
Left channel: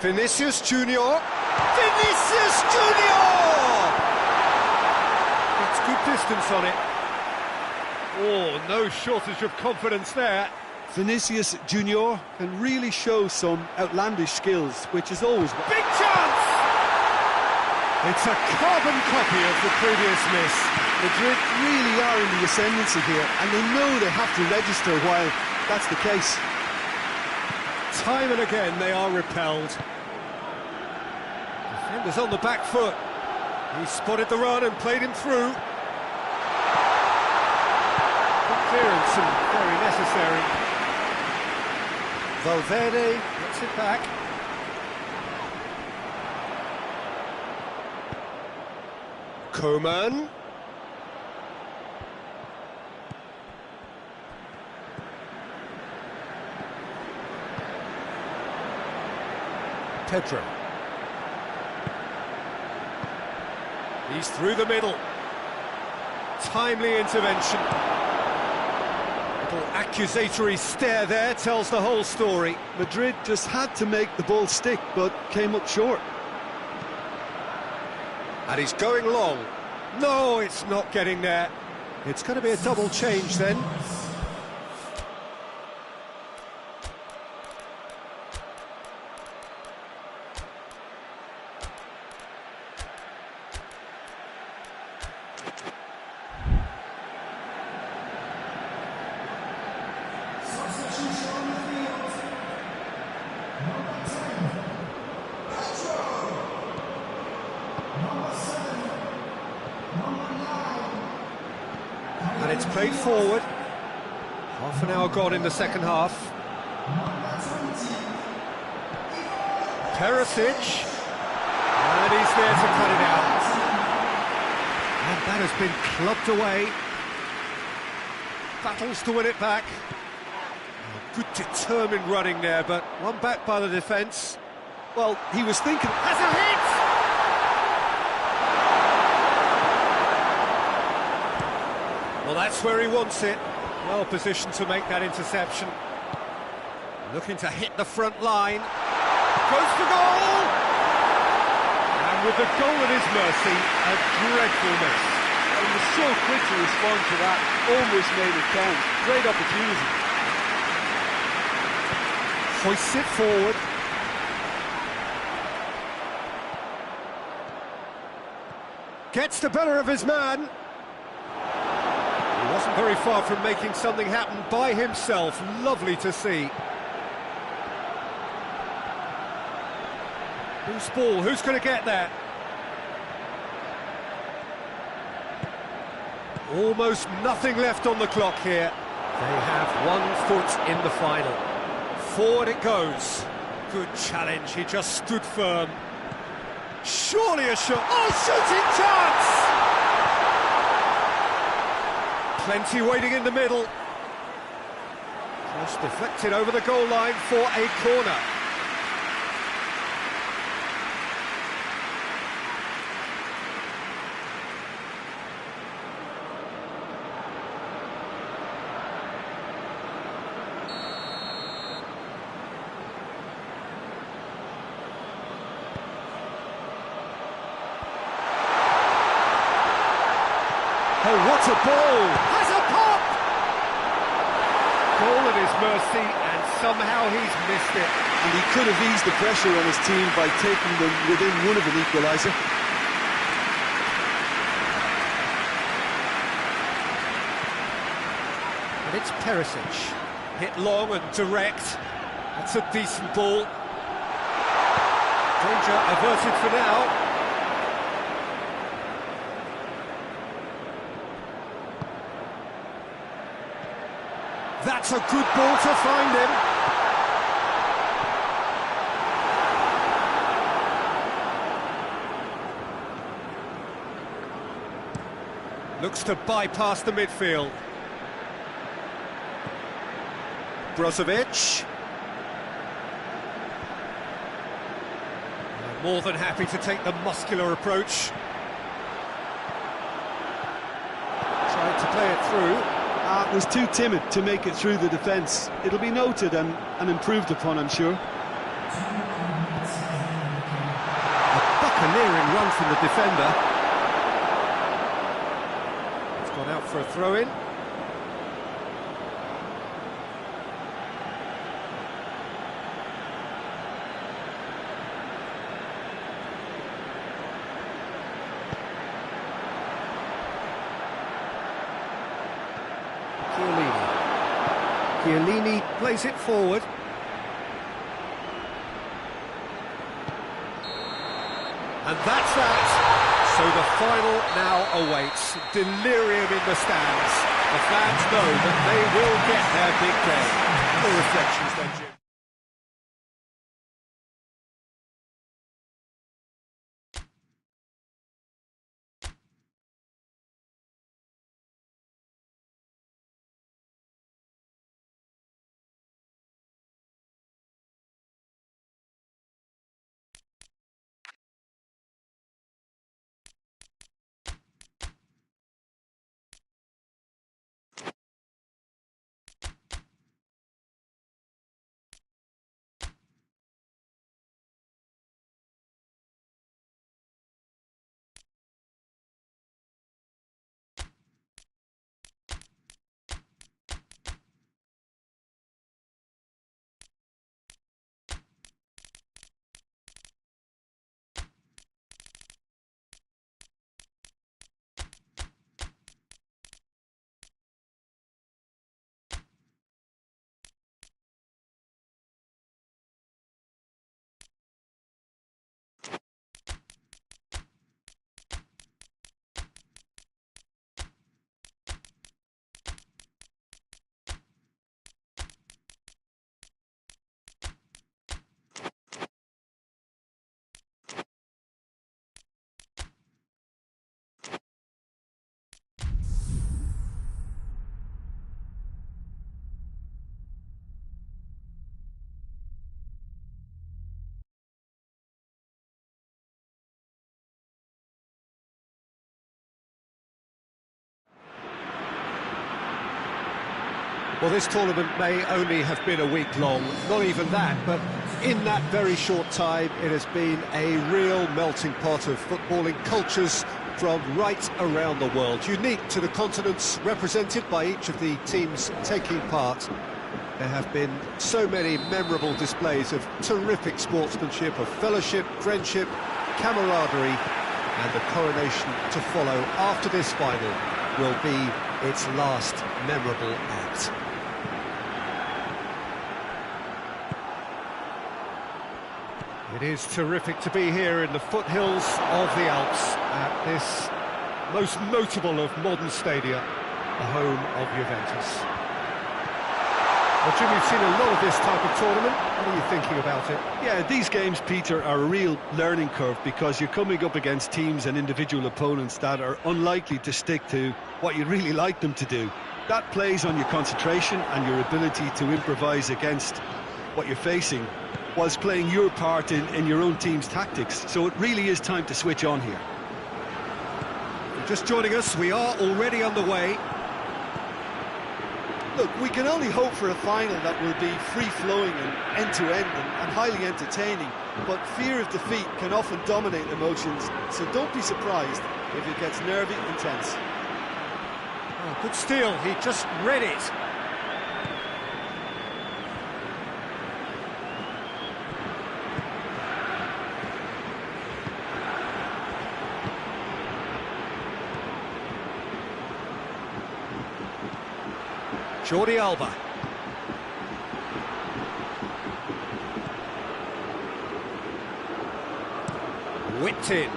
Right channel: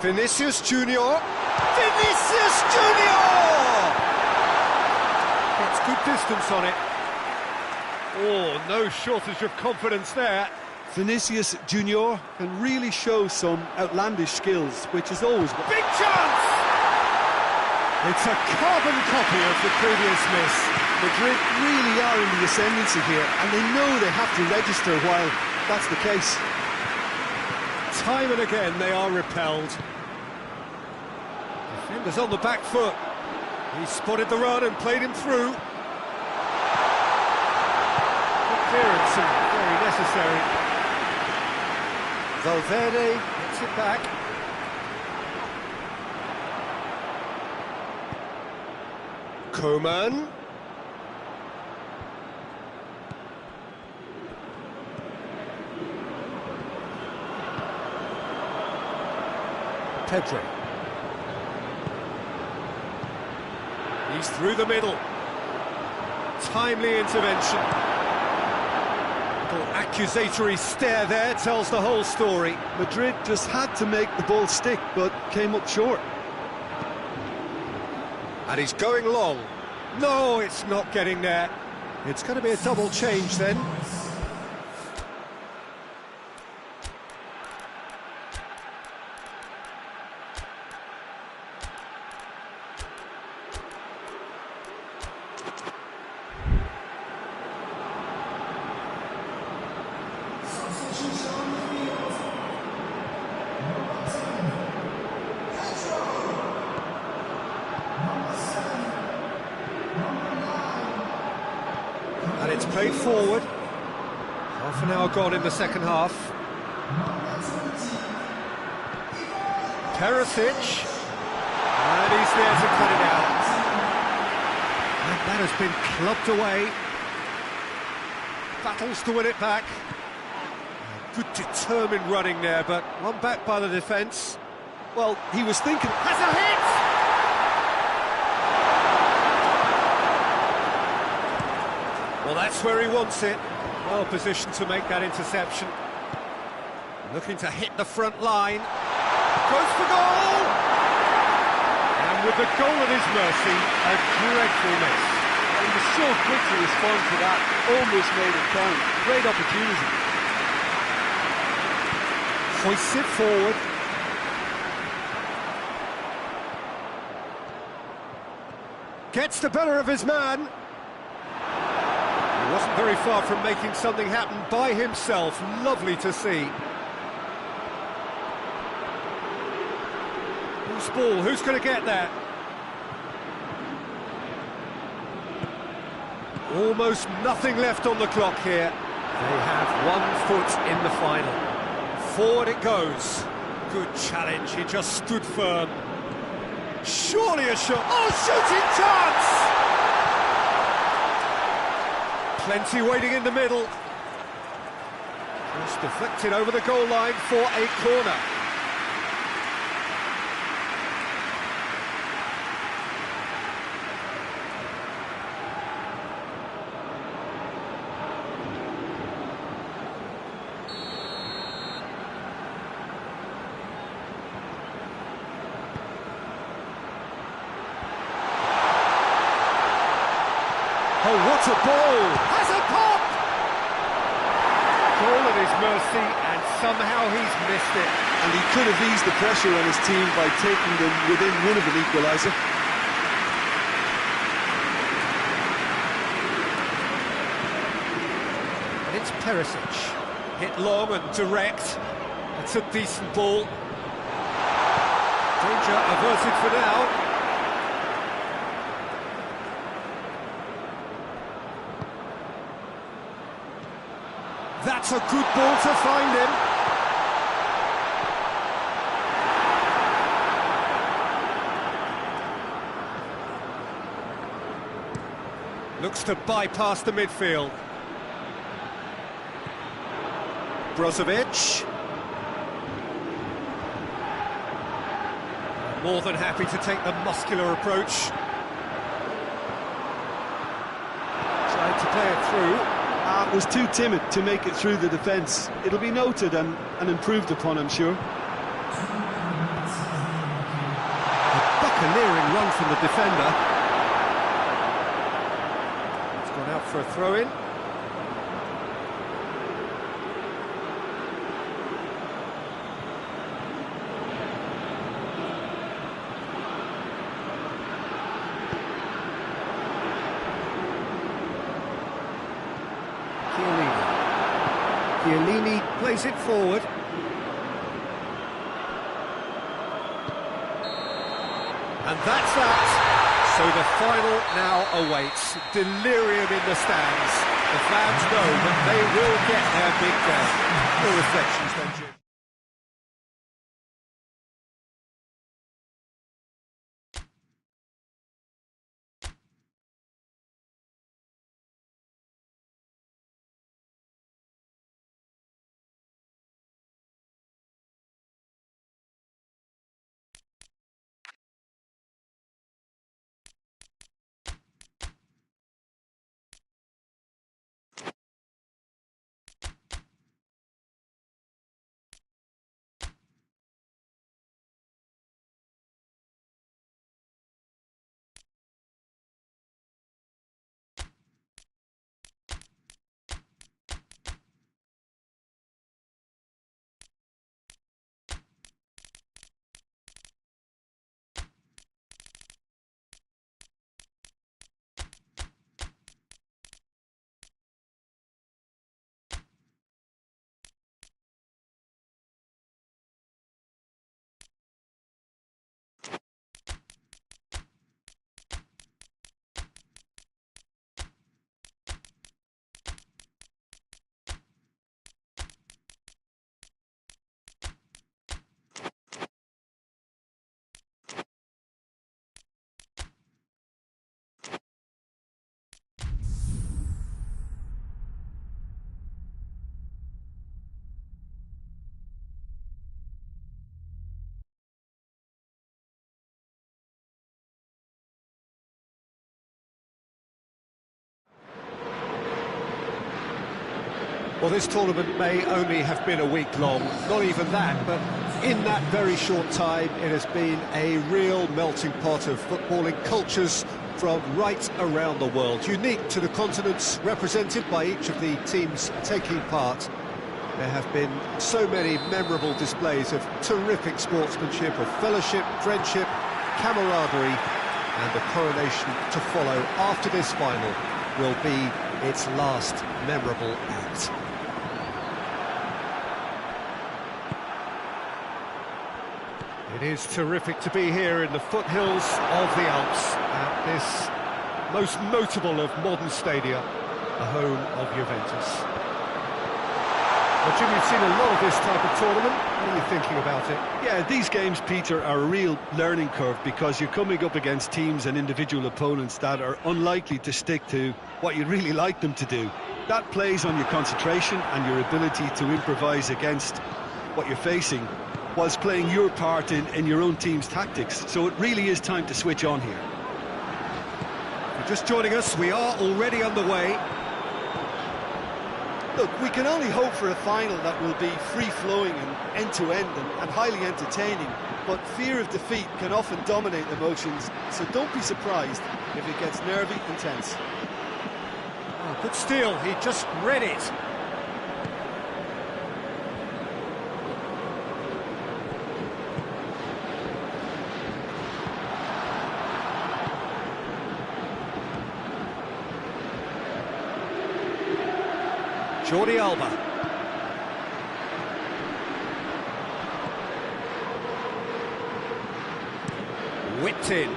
Vinicius Junior. Vinicius Junior! Gets good distance on it. Oh, no shortage of confidence there. Vinicius Junior can really show some outlandish skills, which is always... Big chance! It's a carbon copy of the previous miss. Madrid really are in the ascendancy here, and they know they have to register while that's the case. Time and again they are repelled. Defenders on the back foot. He spotted the run and played him through. Good clearance and very necessary. Valverde gets it back. Coman. Pedro. He's through the middle. Timely intervention. Little accusatory stare there tells the whole story. Madrid just had to make the ball stick, but came up short. And he's going long. No, it's not getting there. It's going to be a double change then. And it's played forward. Half an hour gone in the second half. Perisic. And he's there to cut it out. And that has been clubbed away. Battles to win it back. Oh, good determined running there, but one back by the defence. Well, he was thinking... Has a hit! Well, that's where he wants it. Well positioned to make that interception. Looking to hit the front line. Goes for goal! And with the goal at his mercy, a dreadful miss. Well, he was so quick to respond to that, almost made it count. Great opportunity. Hoists it forward. Gets the better of his man. He wasn't very far from making something happen by himself. Lovely to see. Who's ball? Who's going to get that? Almost nothing left on the clock here. They have 1 foot in the final. Forward it goes. Good challenge. He just stood firm. Surely a shot. Oh, shooting chance! Plenty waiting in the middle. Just deflected over the goal line for a corner. Oh, what a ball! Has a pop! Goal at his mercy, and somehow he's missed it. And he could have eased the pressure on his team by taking them within one of an equaliser. And it's Perisic. Hit long and direct. That's a decent ball. Danger averted for now. That's a good ball to find him. Looks to bypass the midfield. Brozovic. More than happy to take the muscular approach. Tried to play it through. Was too timid to make it through the defence. It'll be noted and improved upon, I'm sure. A buccaneering run from the defender. It's gone out for a throw-in. Chiellini plays it forward. And that's that. So the final now awaits. Delirium in the stands. The fans know that they will get their big day. Your reflections then, Jim? Well, this tournament may only have been a week long, not even that, but in that very short time, it has been a real melting pot of footballing cultures from right around the world, unique to the continents represented by each of the teams taking part. There have been so many memorable displays of terrific sportsmanship, of fellowship, friendship, camaraderie, and the coronation to follow after this final will be its last memorable act. It is terrific to be here in the foothills of the Alps at this most notable of modern stadia, the home of Juventus. Well, Jim, you've seen a lot of this type of tournament. What are you thinking about it? Yeah, these games, Peter, are a real learning curve because you're coming up against teams and individual opponents that are unlikely to stick to what you'd really like them to do. That plays on your concentration and your ability to improvise against what you're facing, whilst playing your part in your own team's tactics. So it really is time to switch on here. If you're just joining us, we are already underway. Look, we can only hope for a final that will be free-flowing and end-to-end and highly entertaining, but fear of defeat can often dominate emotions, so don't be surprised if it gets nervy and tense. Oh, good steal, he just read it. Jordi Alba. Whipped in. And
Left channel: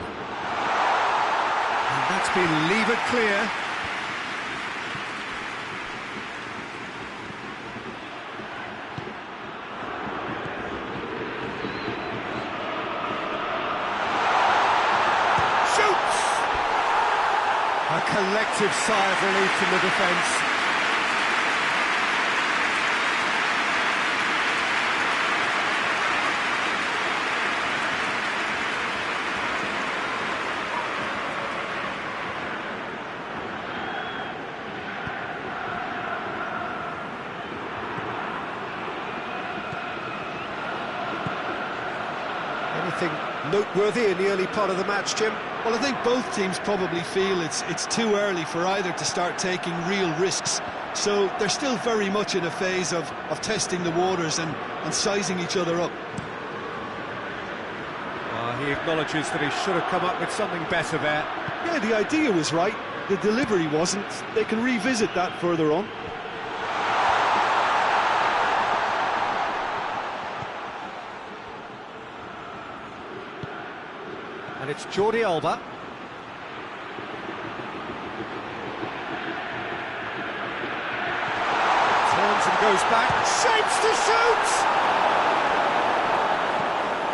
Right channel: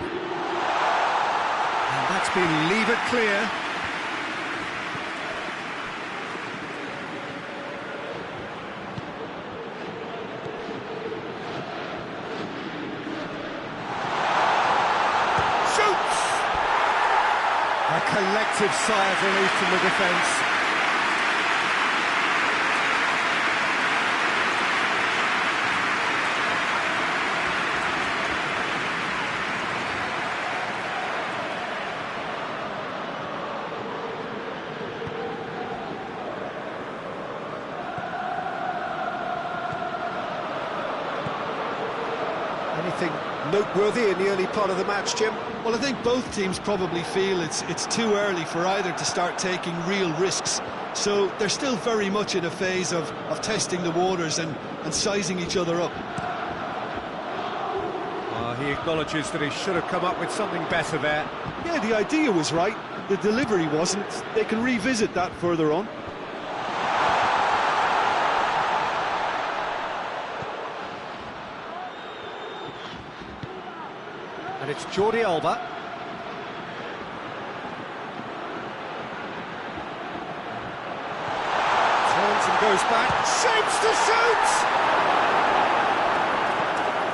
that's been levered clear. A collective sigh of relief from the defence. Anything noteworthy in the early part of the match, Jim? Well, I think both teams probably feel it's too early for either to start taking real risks. So they're still very much in a phase of testing the waters and sizing each other up. He acknowledges that he should have come up with something better there. Yeah, the idea was right. The delivery wasn't. They can revisit that further on. And it's Jordi Alba. Turns and goes back, shapes to shoot!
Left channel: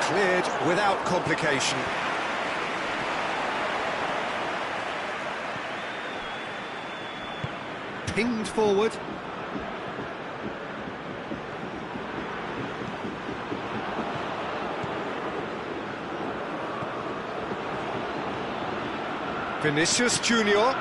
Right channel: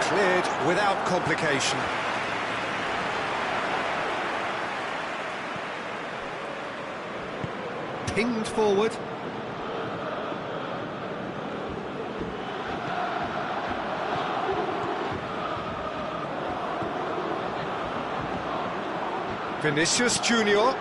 Cleared without complication. Pinged forward. Vinicius Junior.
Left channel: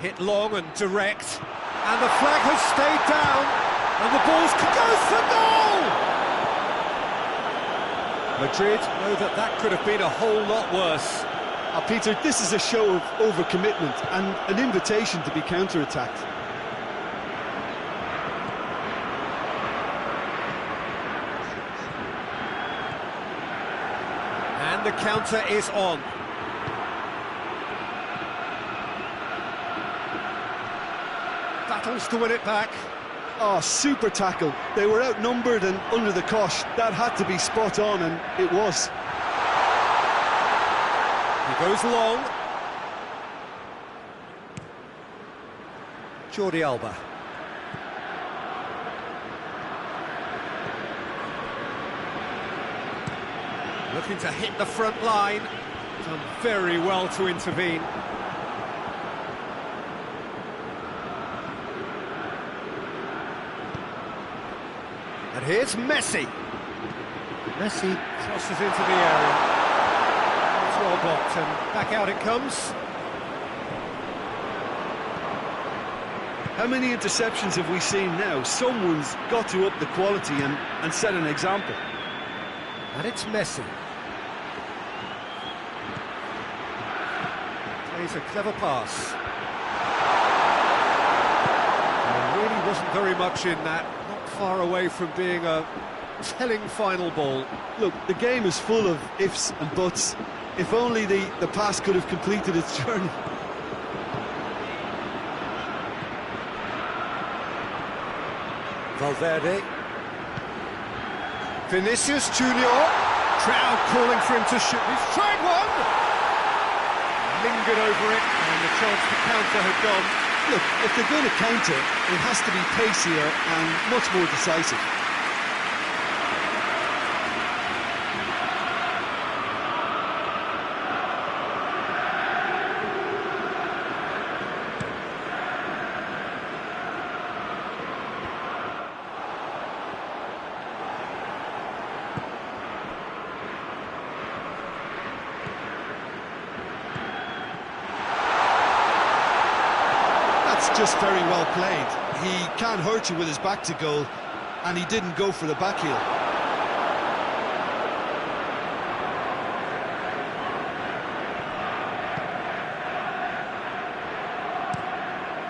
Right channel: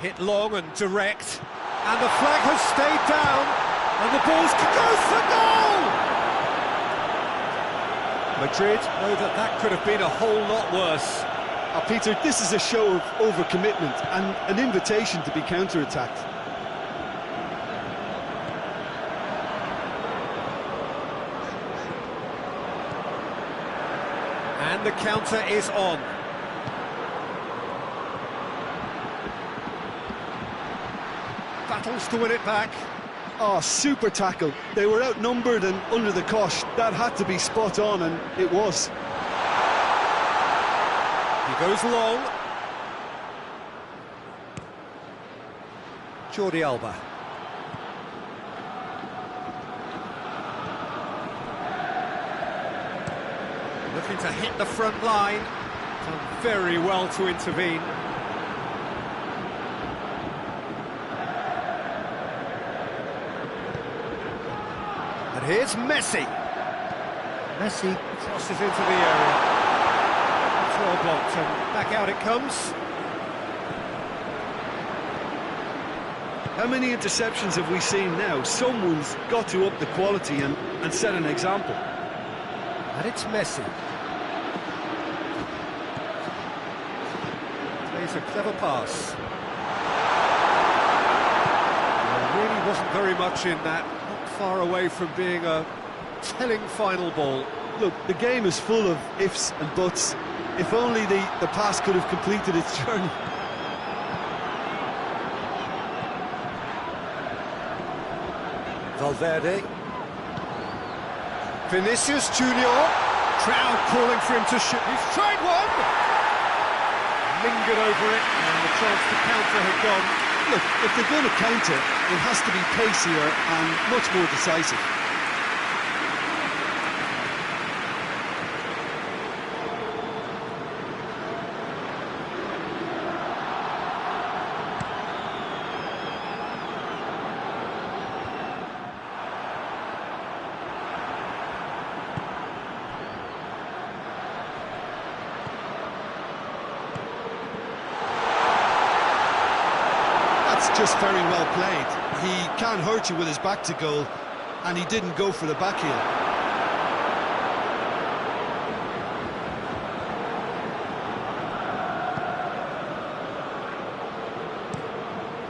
Hit long and direct, and the flag has stayed down, and the ball's goes for goal! Madrid know that could have been a whole lot worse. Peter, this is a show of overcommitment and an invitation to be counter-attacked. And the counter is on. Battles to win it back. Oh, super tackle. They were outnumbered and under the cosh. That had to be spot on, and it was. He goes long. Jordi Alba. Looking to hit the front line. Done very well to intervene. And here's Messi. Messi crosses into the area. That's well blocked, and back out it comes. How many interceptions have we seen now? Someone's got to up the quality and set an example. And it's Messi. Plays a clever pass. There really wasn't very much in that. Not far away from being a telling final ball. Look, the game is full of ifs and buts. If only the pass could have completed its journey. Valverde. Vinicius Junior. Crowd calling for him to shoot. He's tried one! Lingered over it, and the chance to counter had gone. Look, if they're going to counter, it has to be pacier and much more decisive. That's just very well played. He can't hurt you with his back to goal, and he didn't go for the back heel.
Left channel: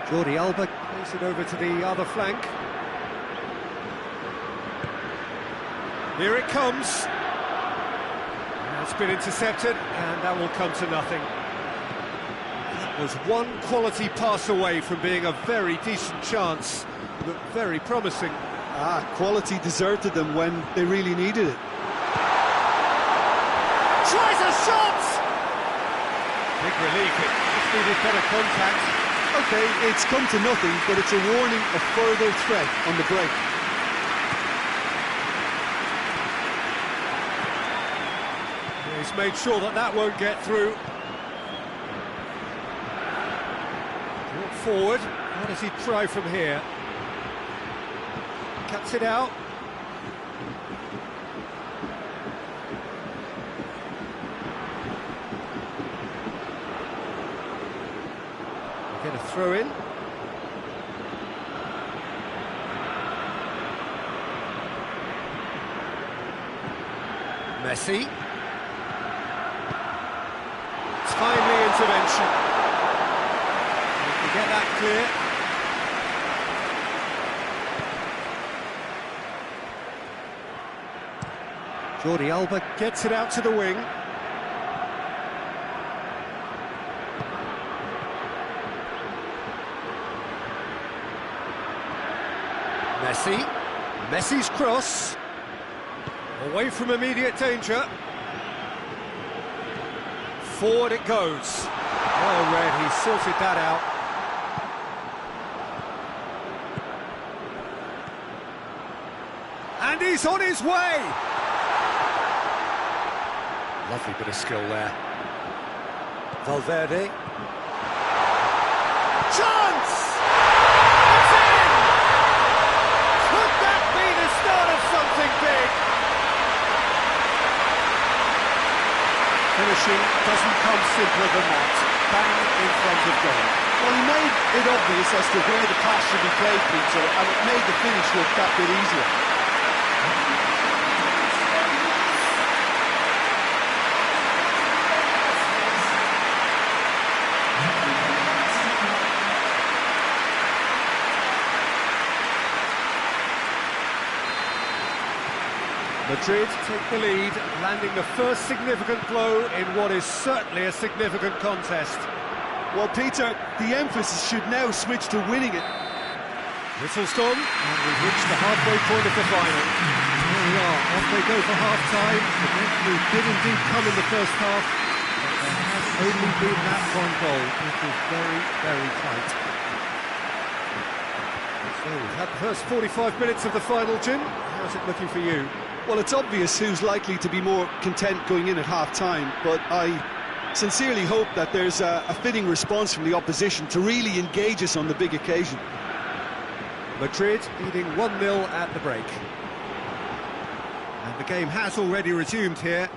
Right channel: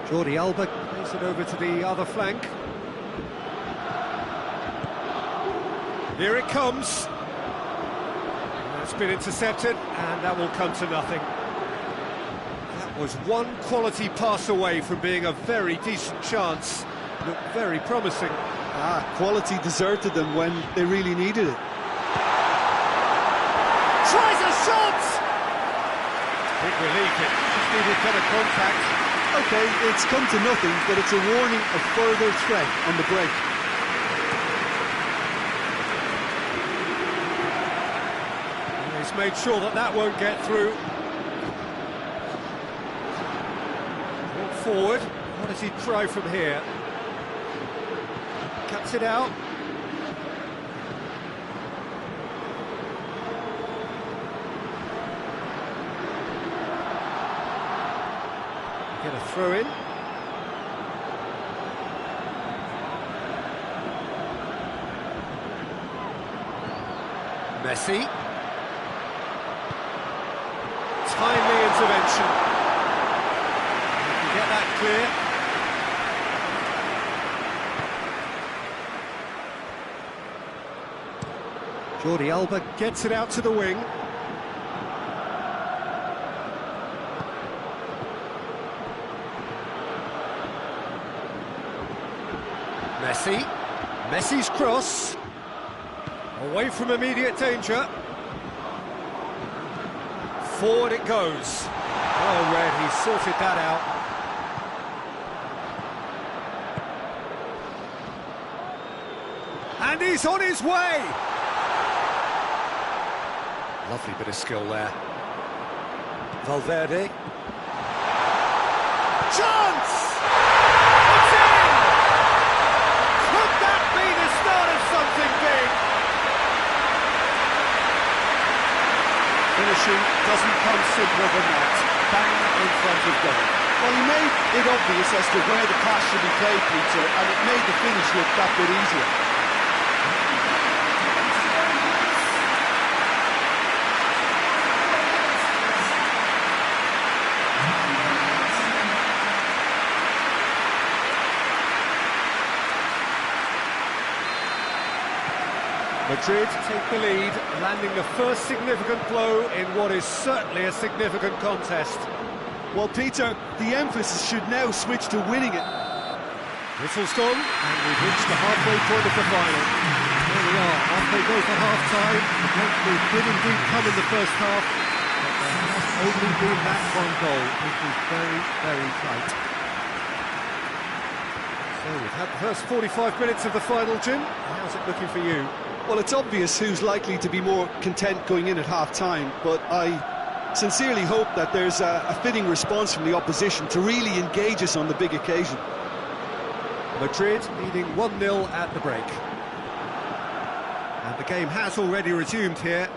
Jordi Alba plays it over to the other flank. Here it comes. It's been intercepted, and that will come to nothing. That was one quality pass away from being a very decent chance look very promising. Quality deserted them when they really needed it. Tries a shot! Big relief, it just needed better contact. Okay, it's come to nothing, but it's a warning of further threat on the break. He's made sure that that won't get through. Brought forward. What does he try from here? Cuts it out. We get a throw in. Messi. Timely intervention. We can get that clear. Jordi Alba gets it out to the wing. Messi. Messi's cross. Away from immediate danger. Forward it goes. Well read, he sorted that out. And he's on his way! Lovely bit of skill there. Valverde. Chance! It's in! Could that be the start of something big? Finishing doesn't come simpler than that. Bang in front of goal. Well, he made it obvious as to where the pass should be played, Peter, and it made the finish look that bit easier. Madrid take the lead, landing the first significant blow in what is certainly a significant contest. Well, Peter, the emphasis should now switch to winning it. Whistle's gone, and we've reached the halfway point of the final. There we are, off they go for half-time. The breakthrough did indeed come in the first half, but there has only been that one goal. It was very, very tight. So we've had the first 45 minutes of the final, Jim. How's it looking for you? Well, it's obvious who's likely to be more content going in at half-time, but I sincerely hope that there's a fitting response from the opposition to really engage us on the big occasion. Madrid leading 1-0 at the break. And the game has already resumed here.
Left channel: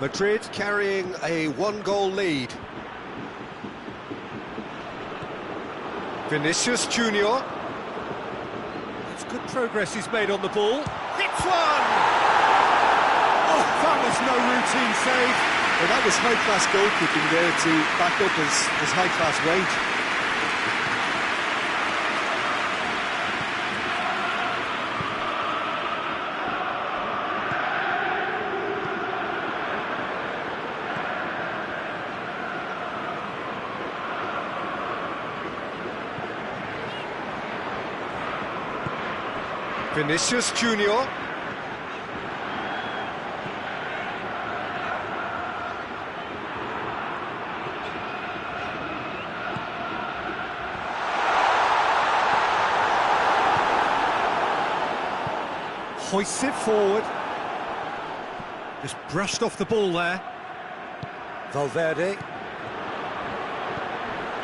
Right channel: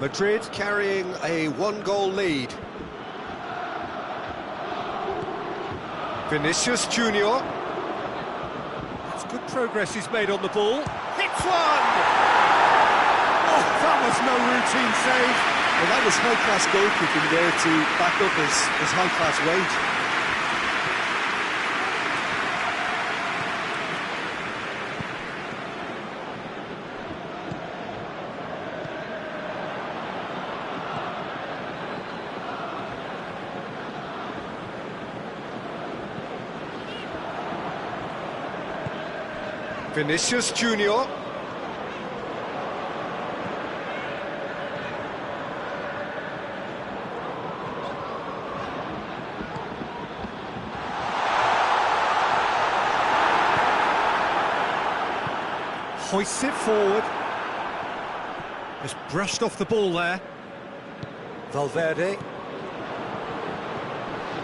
Madrid carrying a one-goal lead. Vinicius Junior. That's good progress he's made on the ball. Hits one! Oh, that was no routine save. Well, that was high-class goalkeeping there to back up his high-class wage. Vinicius Junior. Hoists it forward. Just brushed off the ball there. Valverde.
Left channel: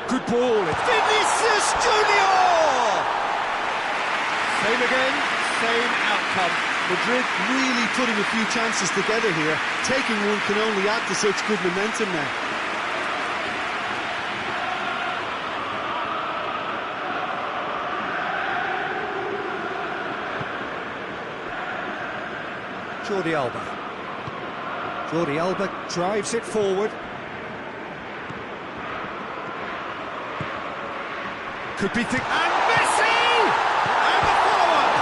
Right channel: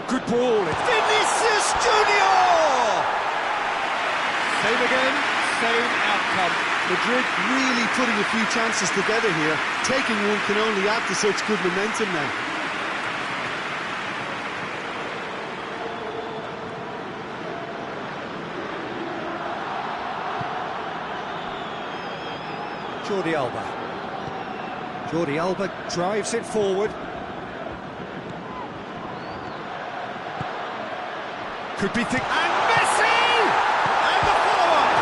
Good ball. It's Vinicius Junior! Same again. Same outcome. Madrid really putting a few chances together here. Taking one can only add to such good momentum now. Jordi Alba. Jordi Alba drives it forward. Could be thick. And Messi! And the follow-up!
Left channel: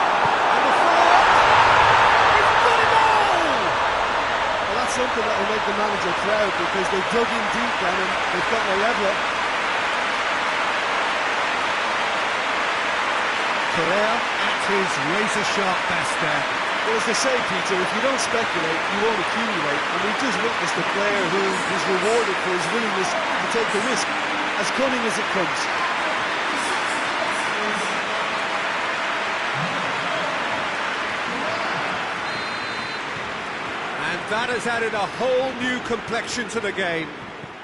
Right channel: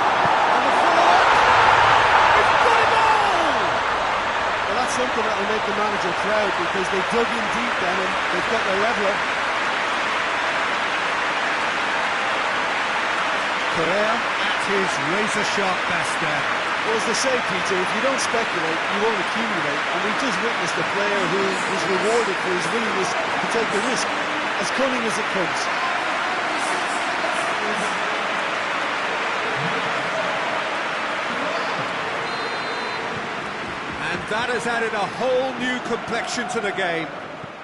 And the follow-up! It's got it all! Well, that's something that will make the manager proud, because they dug in deep then and they've got their leveller. Correa at his razor-sharp best there. Well, as they say, Peter, if you don't speculate, you won't accumulate. And we've just witnessed a player who was rewarded for his willingness to take the risk, as cunning as it comes. And that has added a whole new complexion to the game.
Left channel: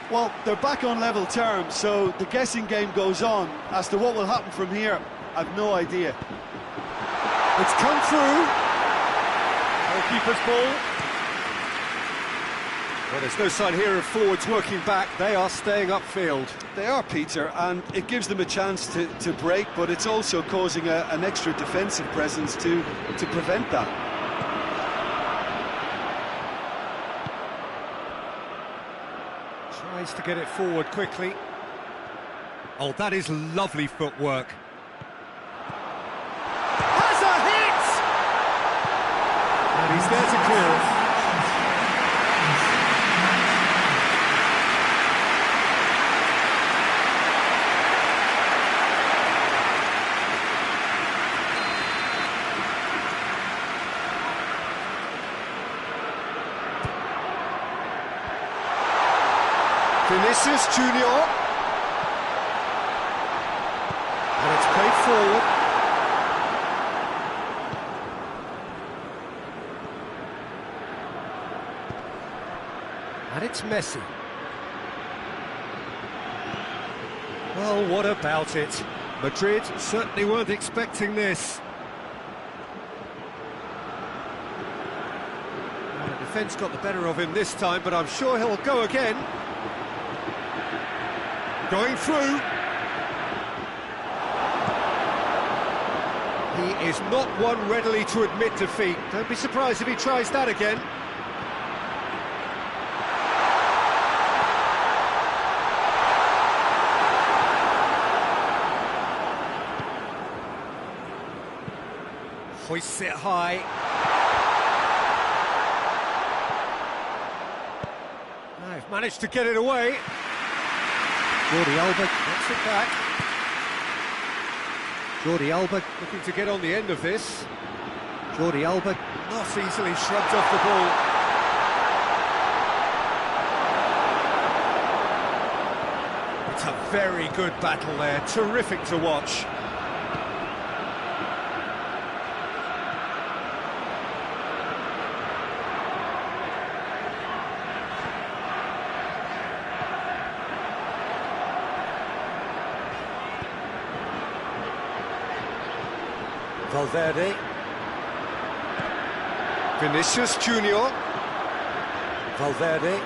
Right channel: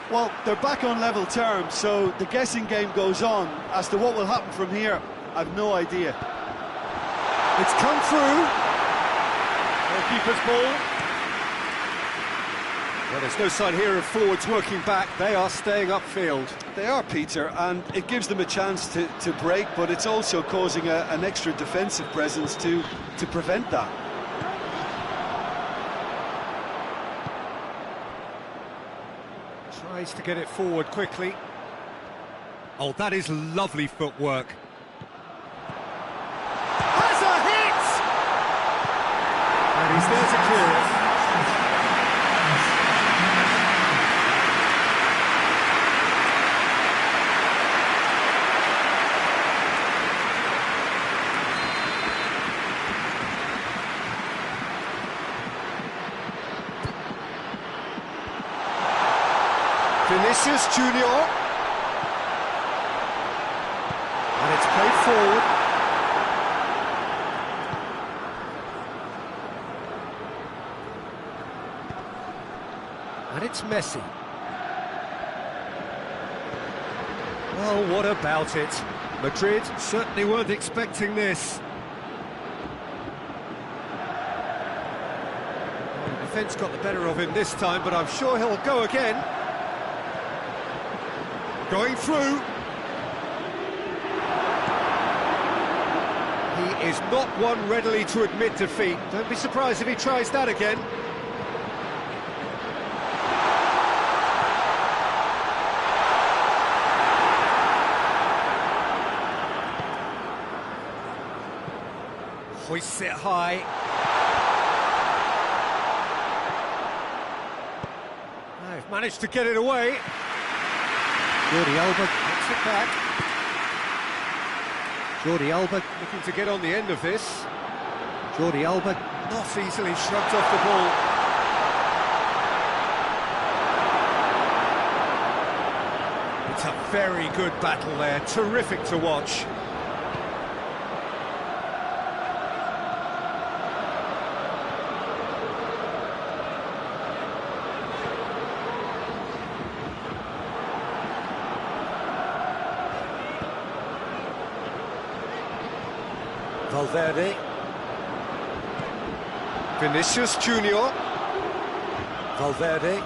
Well, they're back on level terms, so the guessing game goes on. As to what will happen from here, I've no idea. It's come through. Goalkeeper's ball. Well, there's no sign here of forwards working back. They are staying upfield. They are, Peter, and it gives them a chance to break, but it's also causing an extra defensive presence to prevent that. Tries to get it forward quickly. Oh, that is lovely footwork. Has a hit! And he's there to clear it. Vinicius Junior. And it's played forward. And it's Messi. Well, what about it? Madrid certainly weren't expecting this. Well, the defence got the better of him this time, but I'm sure he'll go again. Going through. He is not one readily to admit defeat. Don't be surprised if he tries that again. Hoists it high. They've managed to get it away. Jordi Alba gets it back. Jordi Alba looking to get on the end of this. Jordi Alba not easily shrugged off the ball. It's a very good battle there, terrific to watch. Valverde. Vinicius Junior. Valverde.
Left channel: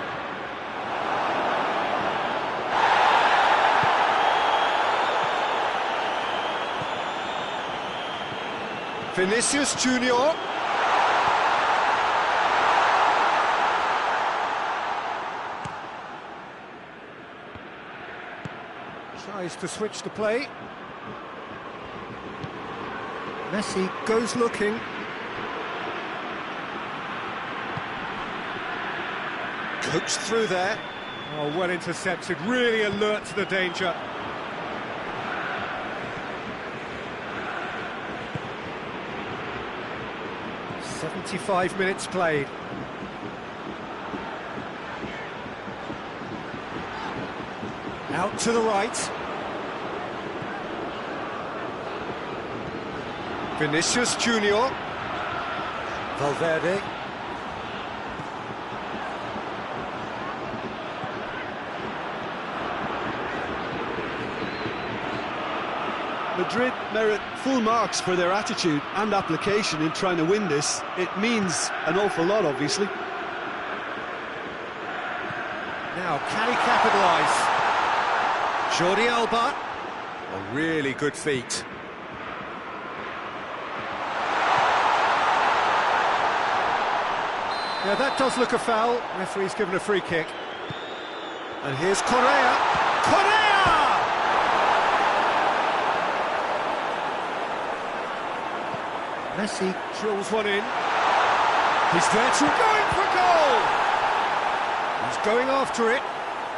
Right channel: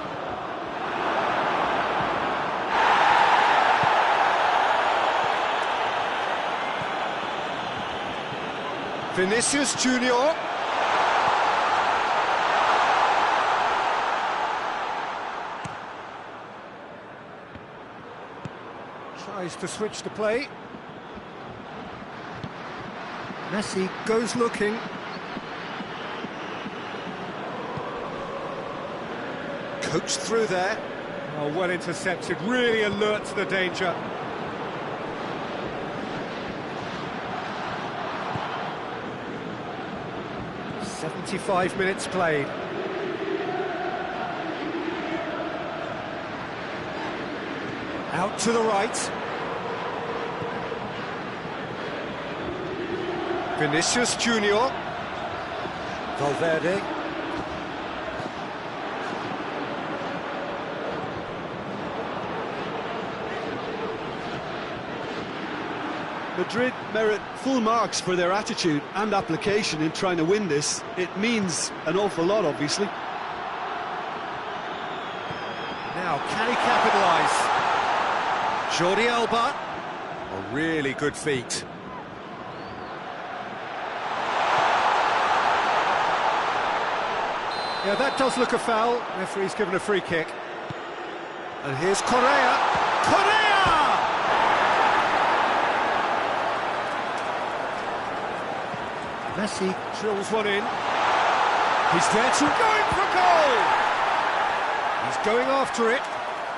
Vinicius Junior. Tries to switch the play. Messi goes looking. Coached through there. Oh, well intercepted, really alert to the danger. "75 minutes played. Out to the right. Vinicius Junior. Valverde. Madrid merit full marks for their attitude and application in trying to win this. It means an awful lot, obviously. Now, can he capitalise? Jordi Alba. A really good feat. Yeah, that does look a foul. Referee's given a free kick. And here's Correa. Correa! Messi drills one in. He's there to going for goal! He's going after it.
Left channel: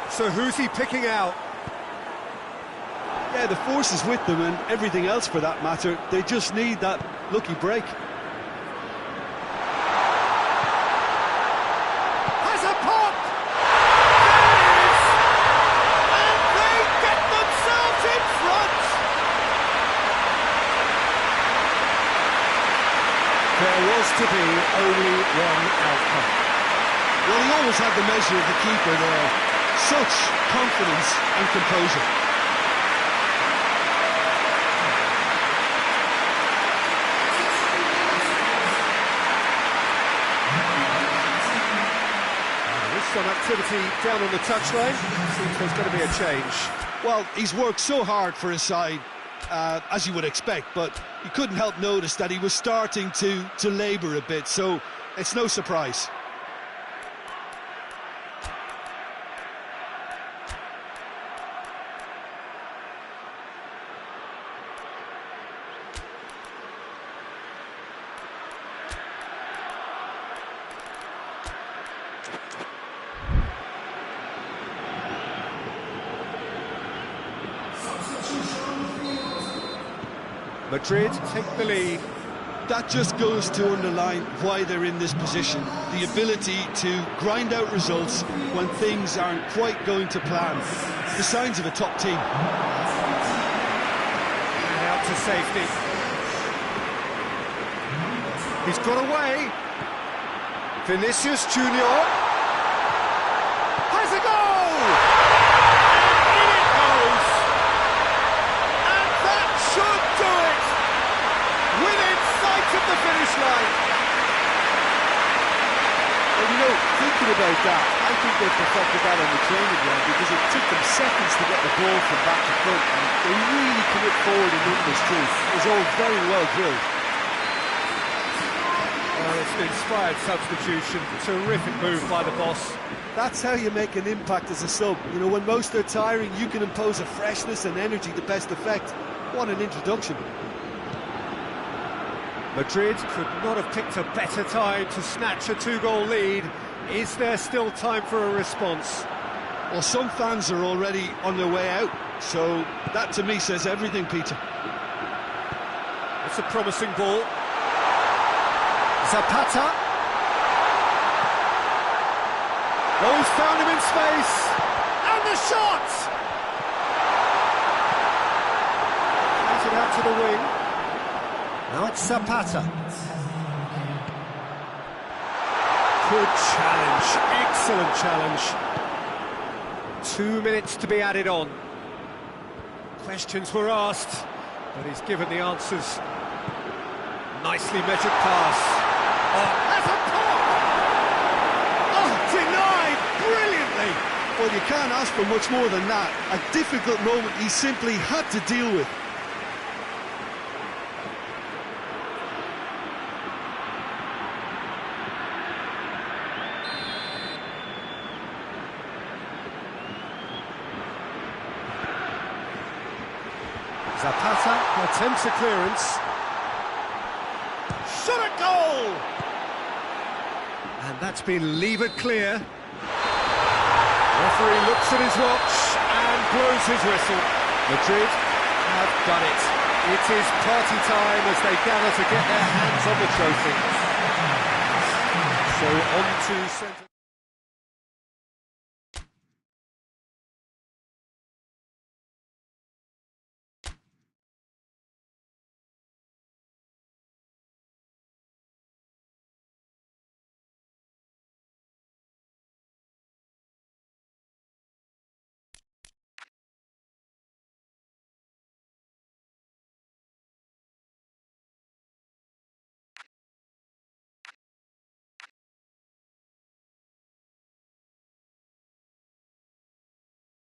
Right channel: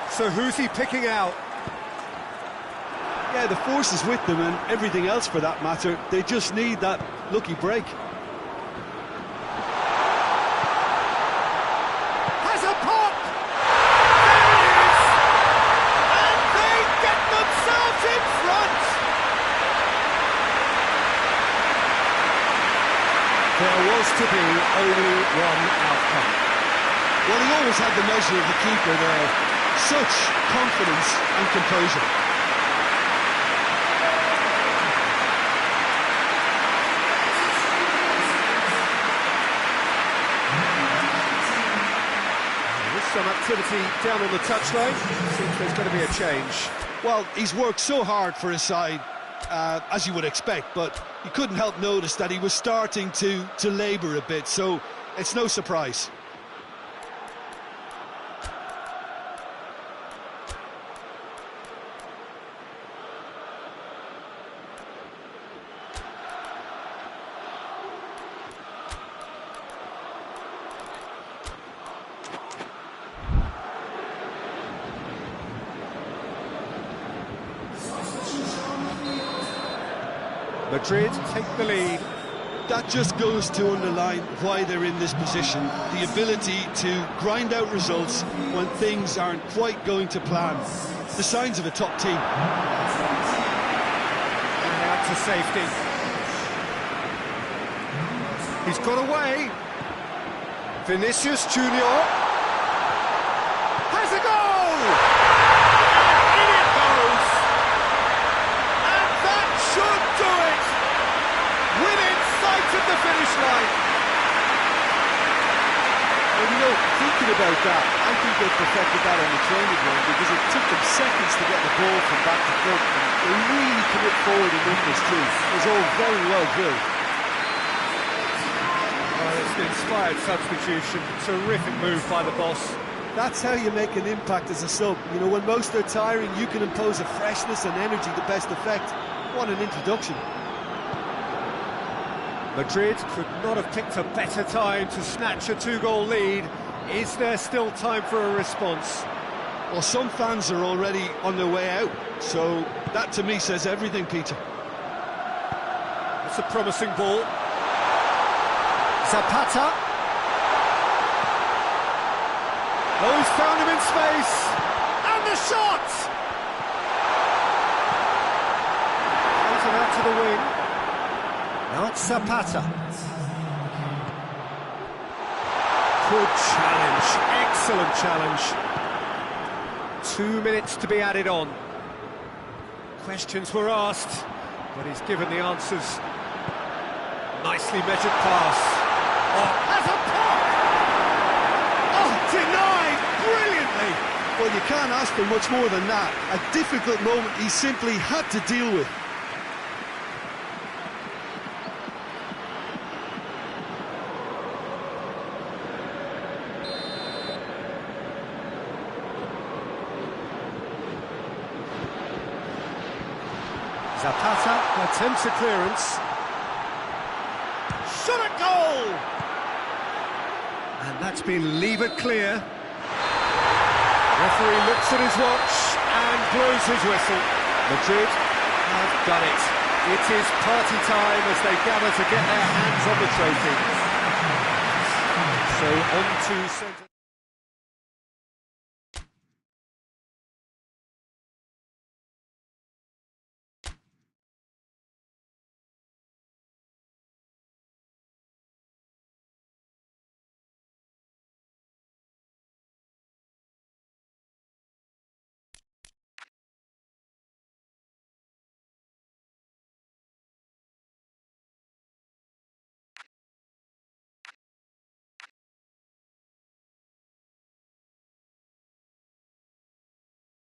So who's he picking out? Yeah, the force is with them and everything else for that matter. They just need that lucky break. Has a pop! There it is! And they get themselves in front! There was to be only one outcome. Well, he always had the measure of the keeper there. Such confidence and composure. Some activity down on the touchline. Seems there's going to be a change. Well, he's worked so hard for his side, as you would expect, but you couldn't help notice that he was starting to labour a bit, so it's no surprise. Madrid take the lead. That just goes to underline why they're in this position. The ability to grind out results when things aren't quite going to plan. The signs of a top team. And out to safety. He's got away. Vinicius Junior has a goal! And in it goes! And that should do it! Within sight of the finish line. Well, you know, thinking about that, I think they perfected that on the training ground because it took them seconds to get the ball from back to front, and they really commit forward in numbers too. It was all very well drilled. Well, it's an inspired substitution. Terrific move by the boss. That's how you make an impact as a sub. You know, when most are tiring, you can impose a freshness and energy to best effect. What an introduction. Madrid could not have picked a better time to snatch a two-goal lead. Is there still time for a response? Well, some fans are already on their way out, so that to me says everything, Peter. That's a promising ball. Zapata. Oh, he's found him in space. And the shot! Plays it out to the wing. Now it's Zapata. Good challenge, excellent challenge. 2 minutes to be added on. Questions were asked, but he's given the answers. Nicely measured pass. Oh, has a pop! Oh, denied brilliantly! Well, you can't ask for much more than that. A difficult moment he simply had to deal with. Zapata attempts a clearance. Shot at goal! And that's been levered clear. The referee looks at his watch and blows his whistle. Madrid have done it. It is party time as they gather to get their hands on the trophy. So on to centre.